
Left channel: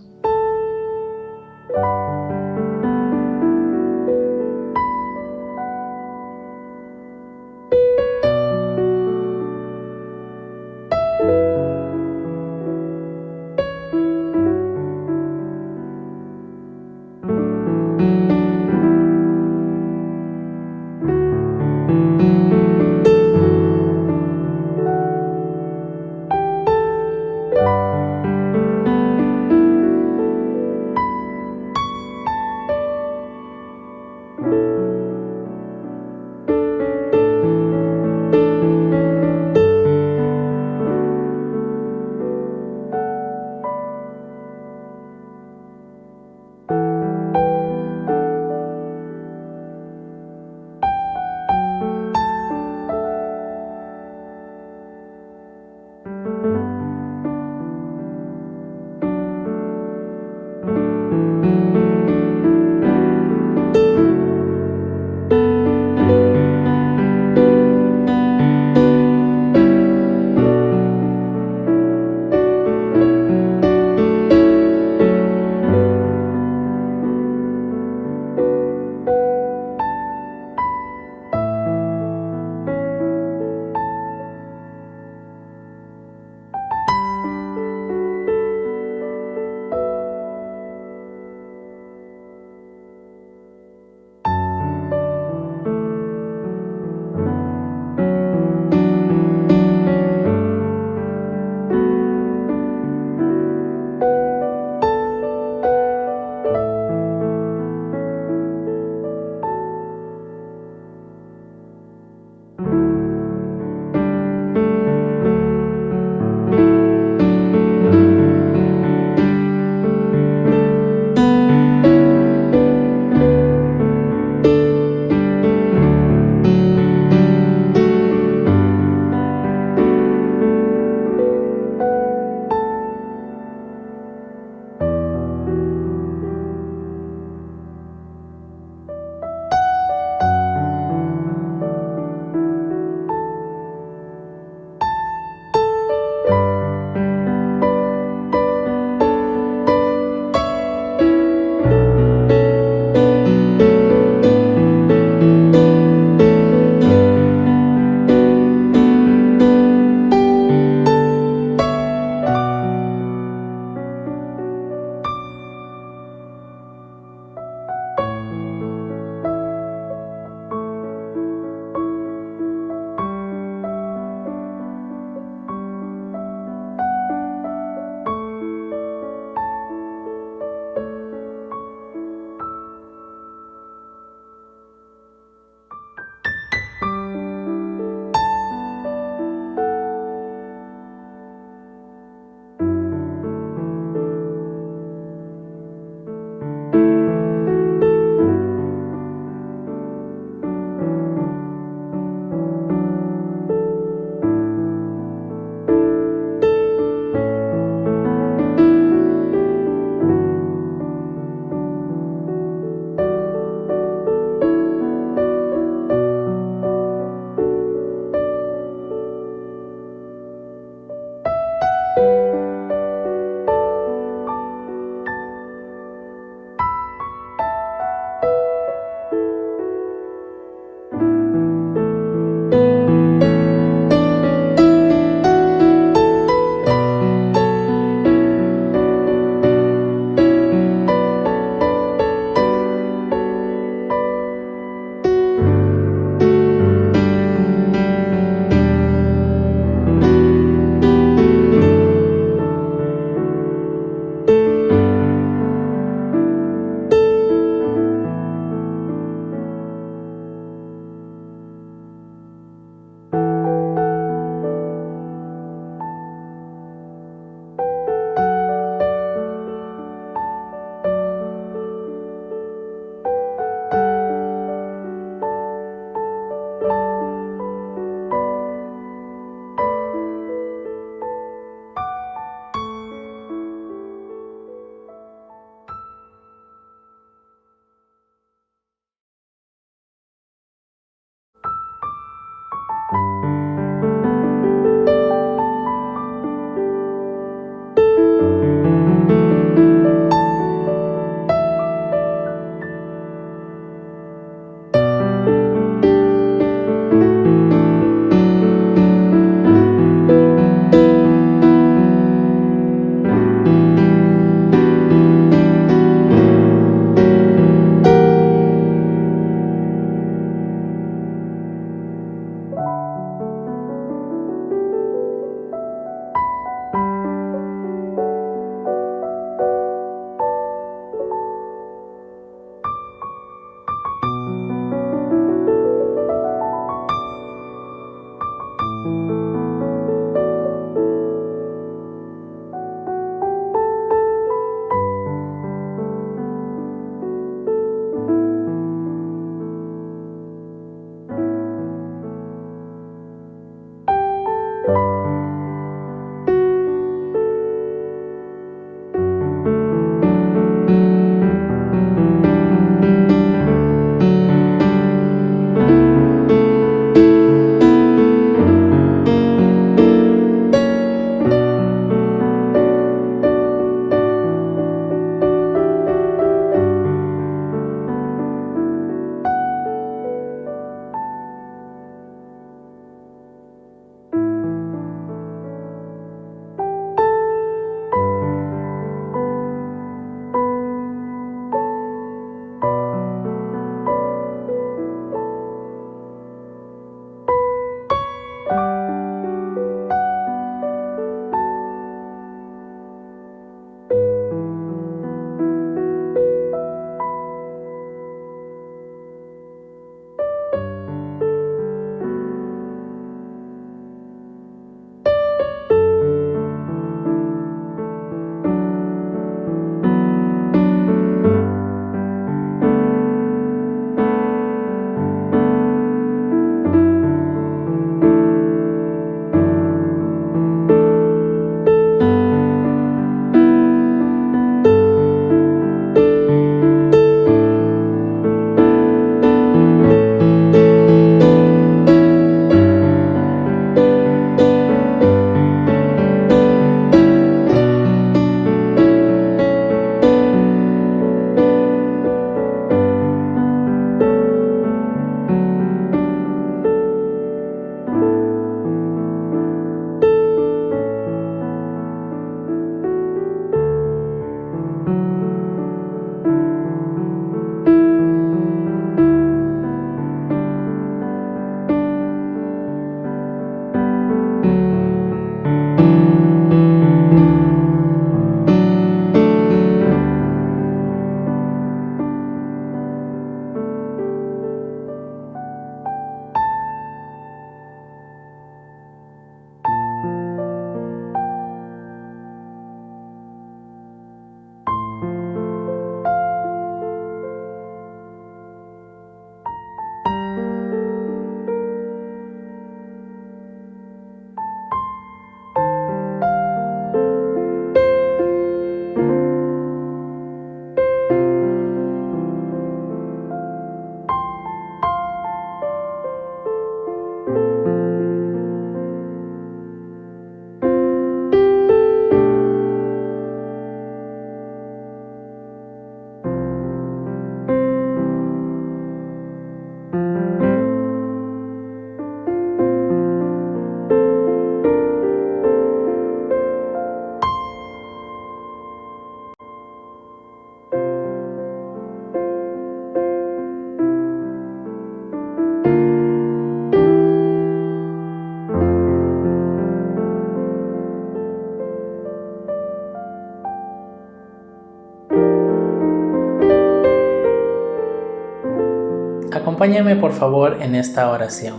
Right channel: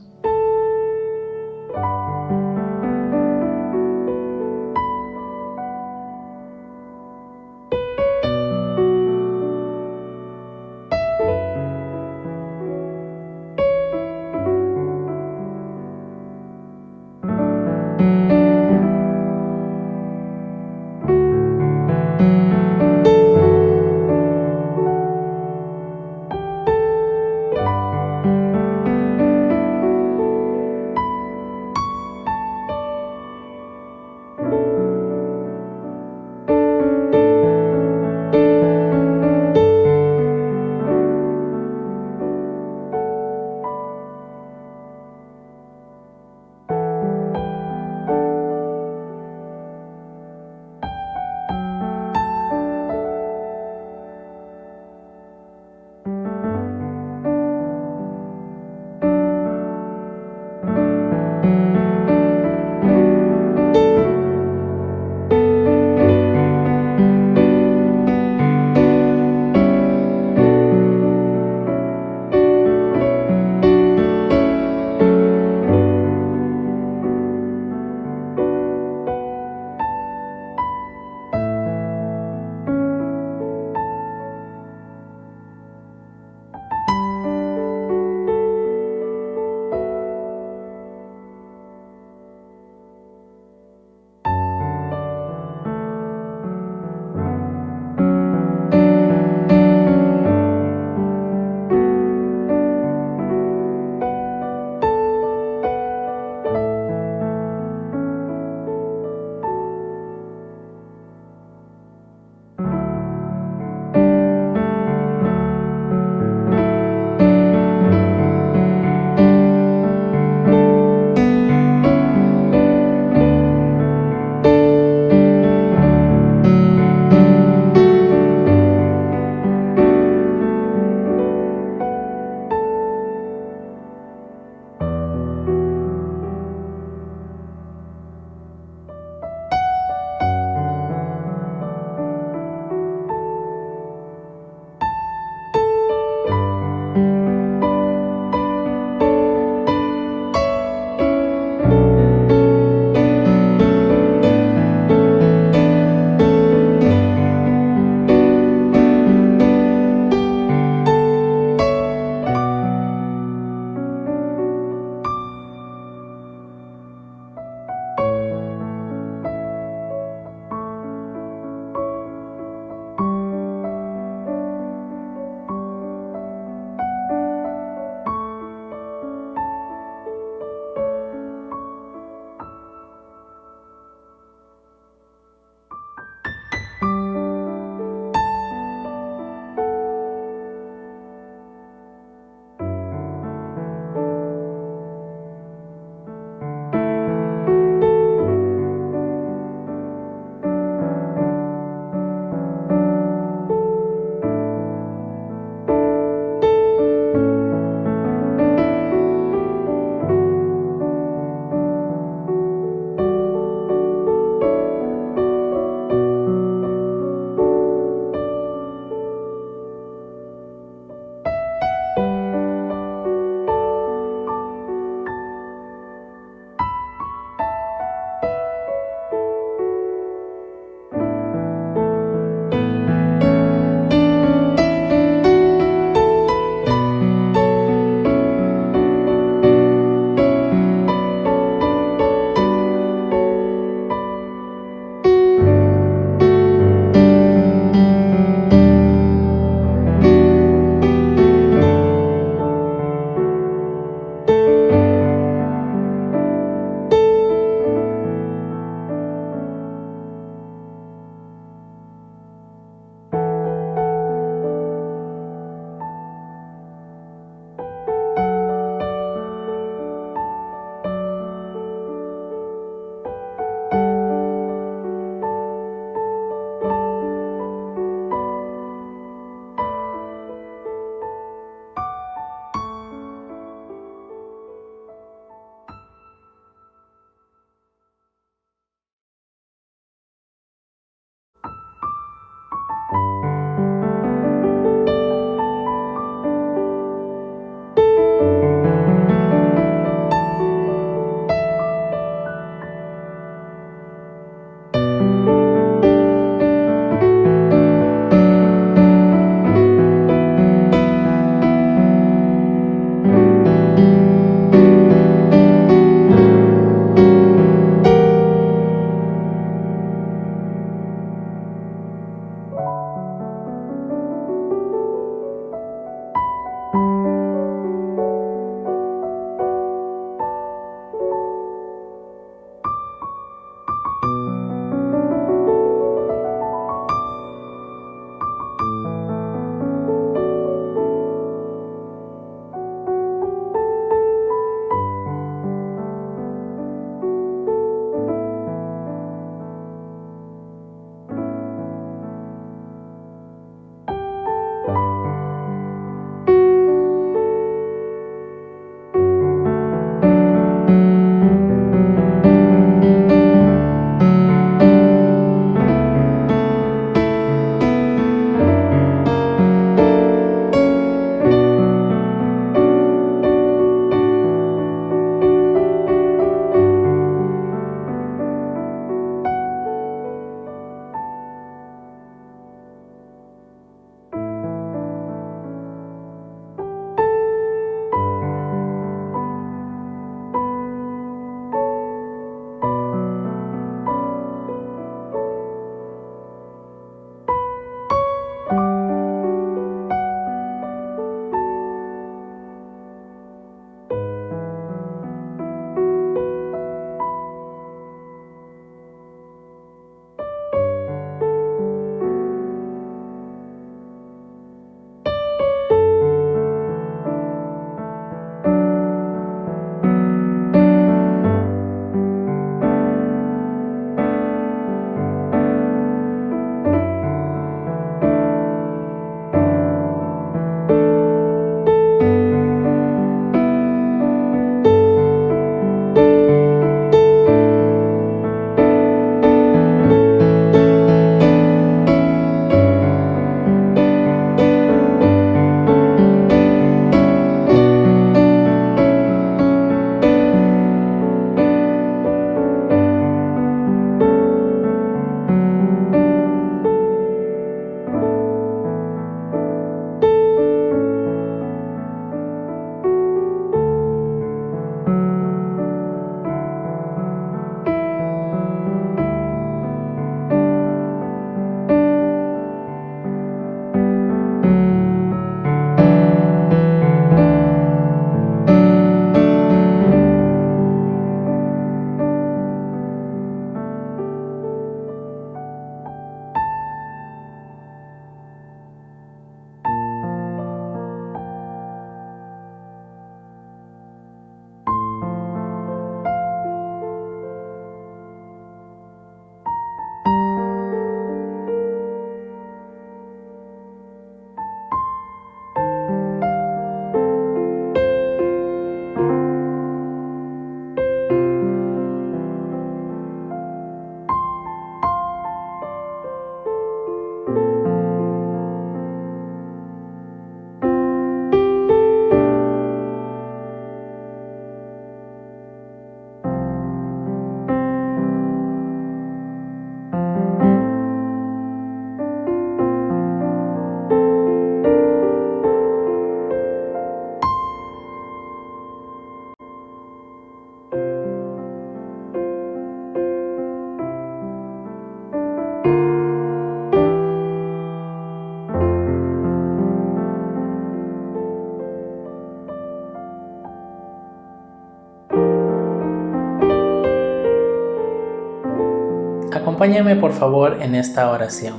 Acompáñame por favor en esta oración.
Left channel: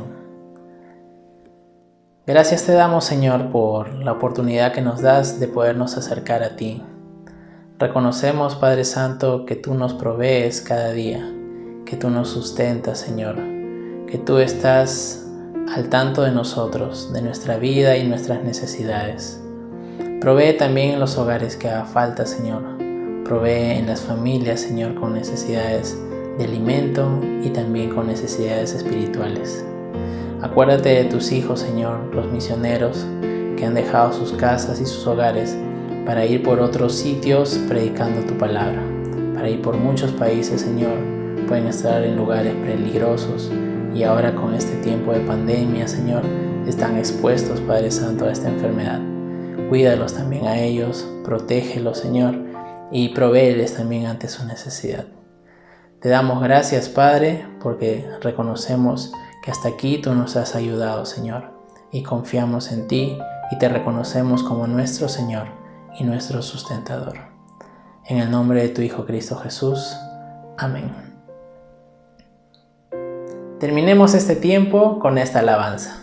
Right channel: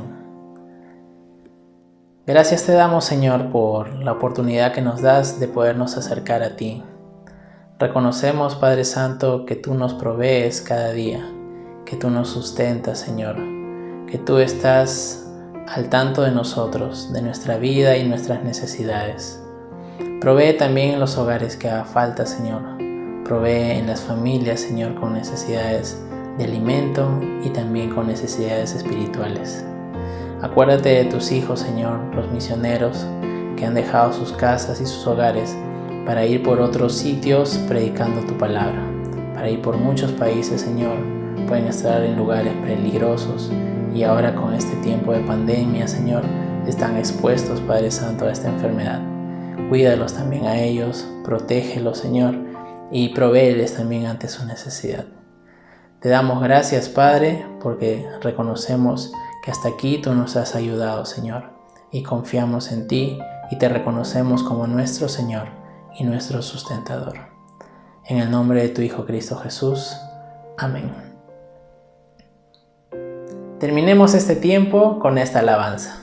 Gracias te damos, Señor, por la oportunidad que nos das de podernos acercar a ti. Reconocemos, Padre Santo, que tú nos provees cada día, que tú nos sustentas, Señor, que tú estás al tanto de nosotros, de nuestra vida y nuestras necesidades. Provee también en los hogares que haga falta, Señor. Provee en las familias, Señor, con necesidades de alimento y también con necesidades espirituales. Acuérdate de tus hijos, Señor, los misioneros que han dejado sus casas y sus hogares para ir por otros sitios predicando tu palabra, para ir por muchos países, Señor. Pueden estar en lugares peligrosos y ahora con este tiempo de pandemia, Señor, están expuestos, Padre Santo, a esta enfermedad. Cuídalos también a ellos, protégelos, Señor, y provéeles también ante su necesidad. Te damos gracias, Padre, porque reconocemos que hasta aquí tú nos has ayudado, Señor, y confiamos en ti y te reconocemos como nuestro Señor y nuestro sustentador. En el nombre de tu Hijo Cristo Jesús. Amén. Terminemos este tiempo con esta alabanza.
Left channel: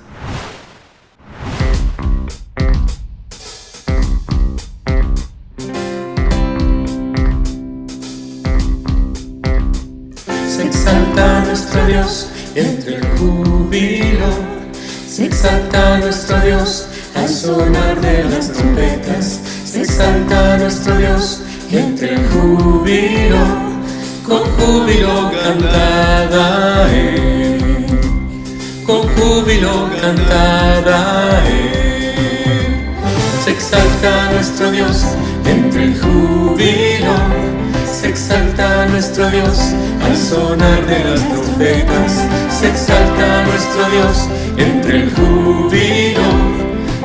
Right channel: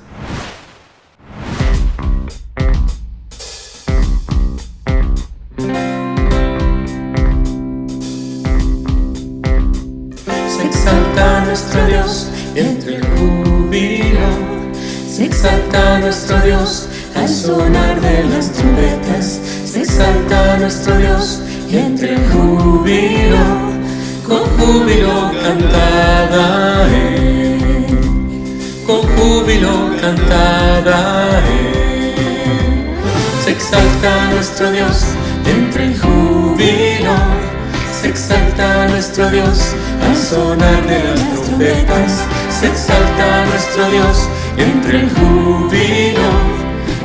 Se exalta nuestro Dios entre el júbilo, se exalta nuestro Dios al sonar de las trompetas, se exalta nuestro Dios entre el júbilo, con júbilo cantada con júbilo cantada se exalta nuestro Dios entre el júbilo, se exalta nuestro Dios al sonar de las trompetas, se exalta nuestro Dios entre el júbilo,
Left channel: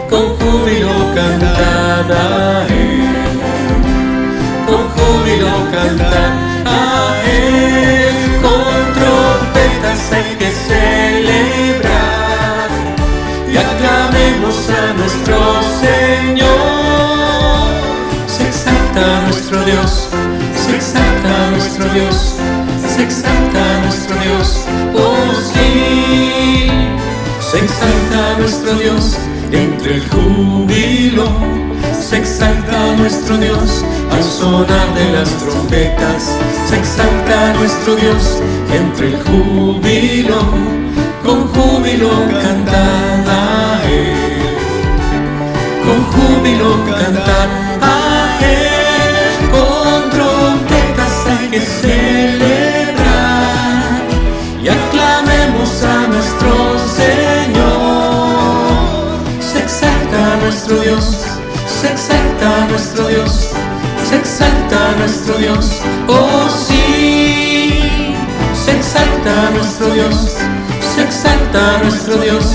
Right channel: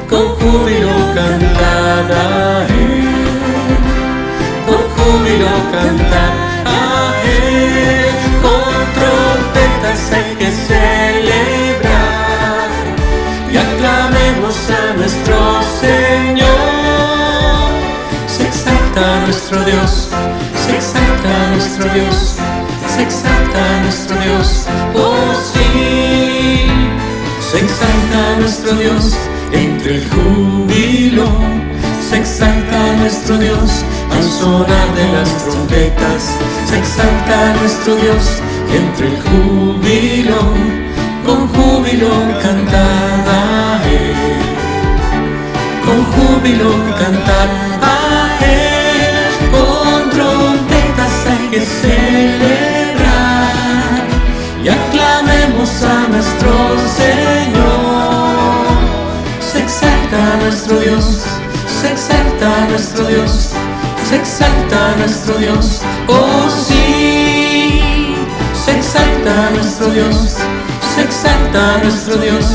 con júbilo cantada con júbilo cantada con trompetas hay que celebrar y aclamemos a nuestro Señor. Se exalta nuestro Dios, se exalta nuestro Dios, se exalta nuestro Dios, oh sí. Se exalta nuestro Dios entre el júbilo, se exalta nuestro Dios al sonar de las trompetas, se exalta nuestro Dios entre el júbilo, con júbilo cantar a Él, con júbilo cantar a Él, con trompetas hay que celebrar y aclamemos a nuestro Señor. Se exalta nuestro Dios, se exalta nuestro Dios, se exalta nuestro Dios, oh sí. Se exalta nuestro Dios, se exalta nuestro Dios,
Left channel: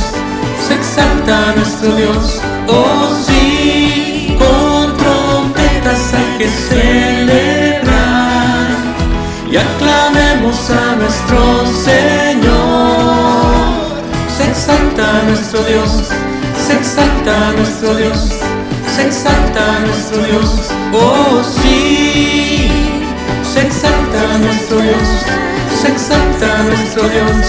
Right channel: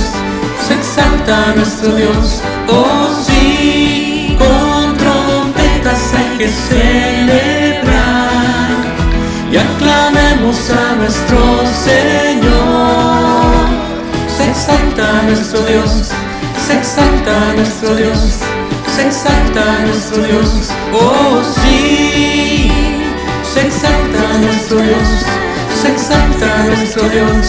se exalta nuestro Dios, oh sí. Con trompetas hay que celebrar y aclamemos a nuestro Señor. Se exalta nuestro Dios, se exalta nuestro Dios, se exalta nuestro Dios, oh sí. Se exalta nuestro Dios, se exalta nuestro Dios,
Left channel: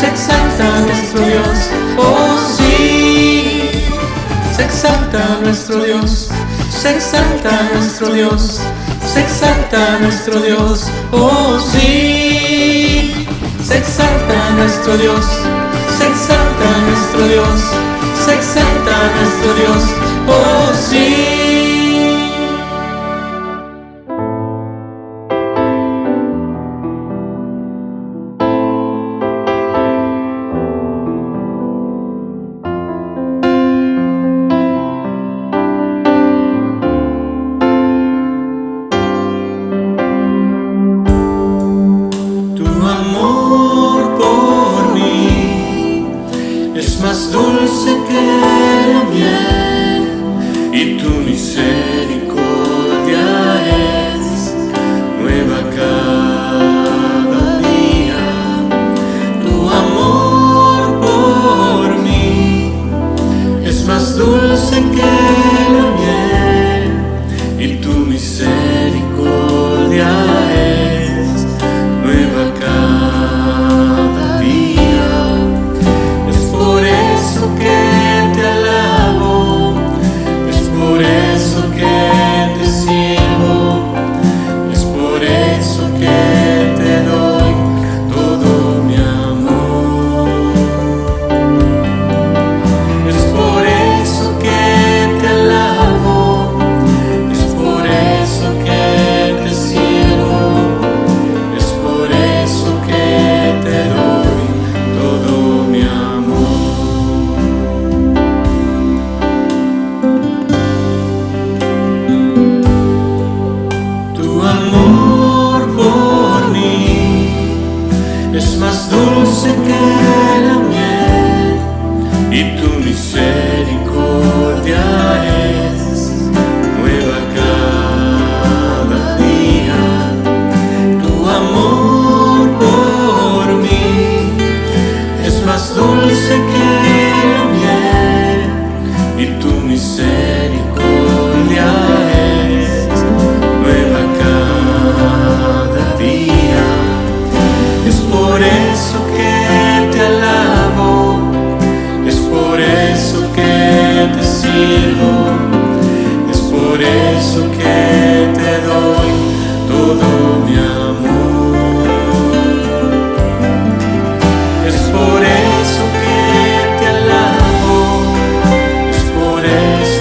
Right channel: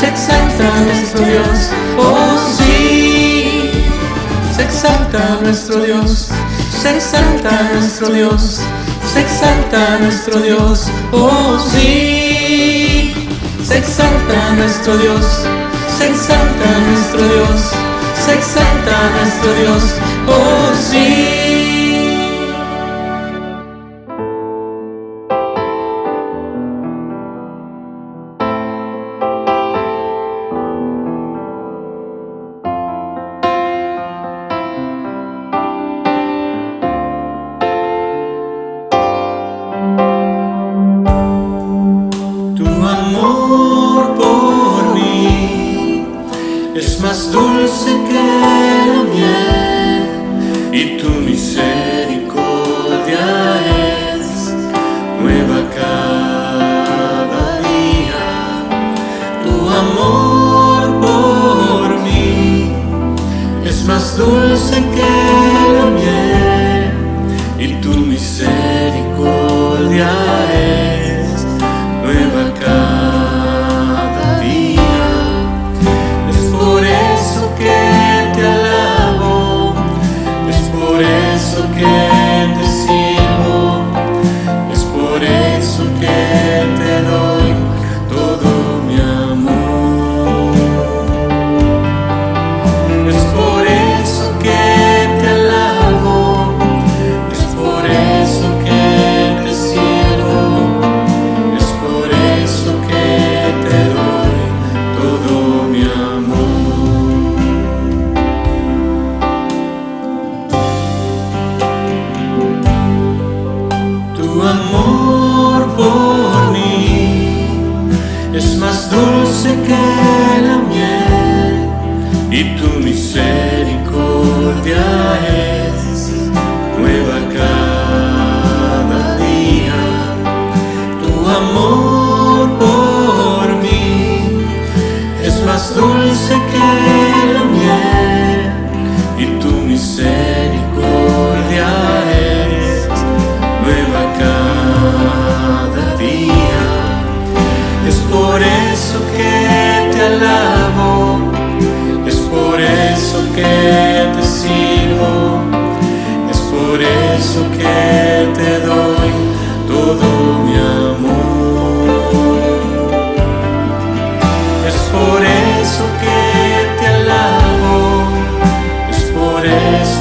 se exalta nuestro Dios, oh sí. Se exalta nuestro Dios, se exalta nuestro Dios, se exalta nuestro Dios, oh sí. Se exalta nuestro Dios, se exalta nuestro Dios, se exalta nuestro Dios, oh sí. Tu amor por mí es más dulce que la miel y tu misericordia es nueva cada día. Tu amor por mí es más dulce que la miel y tu misericordia es nueva cada día. Es por eso que te alabo, es por eso que dulce que la miel, y tu misericordia es nueva cada día. Tu amor por mí es más dulce que la miel, y tu misericordia es nueva cada día. Es por eso que te alabo, es por eso que te sirvo, es por eso que te doy todo mi amor. Es por eso que te alabo, es por eso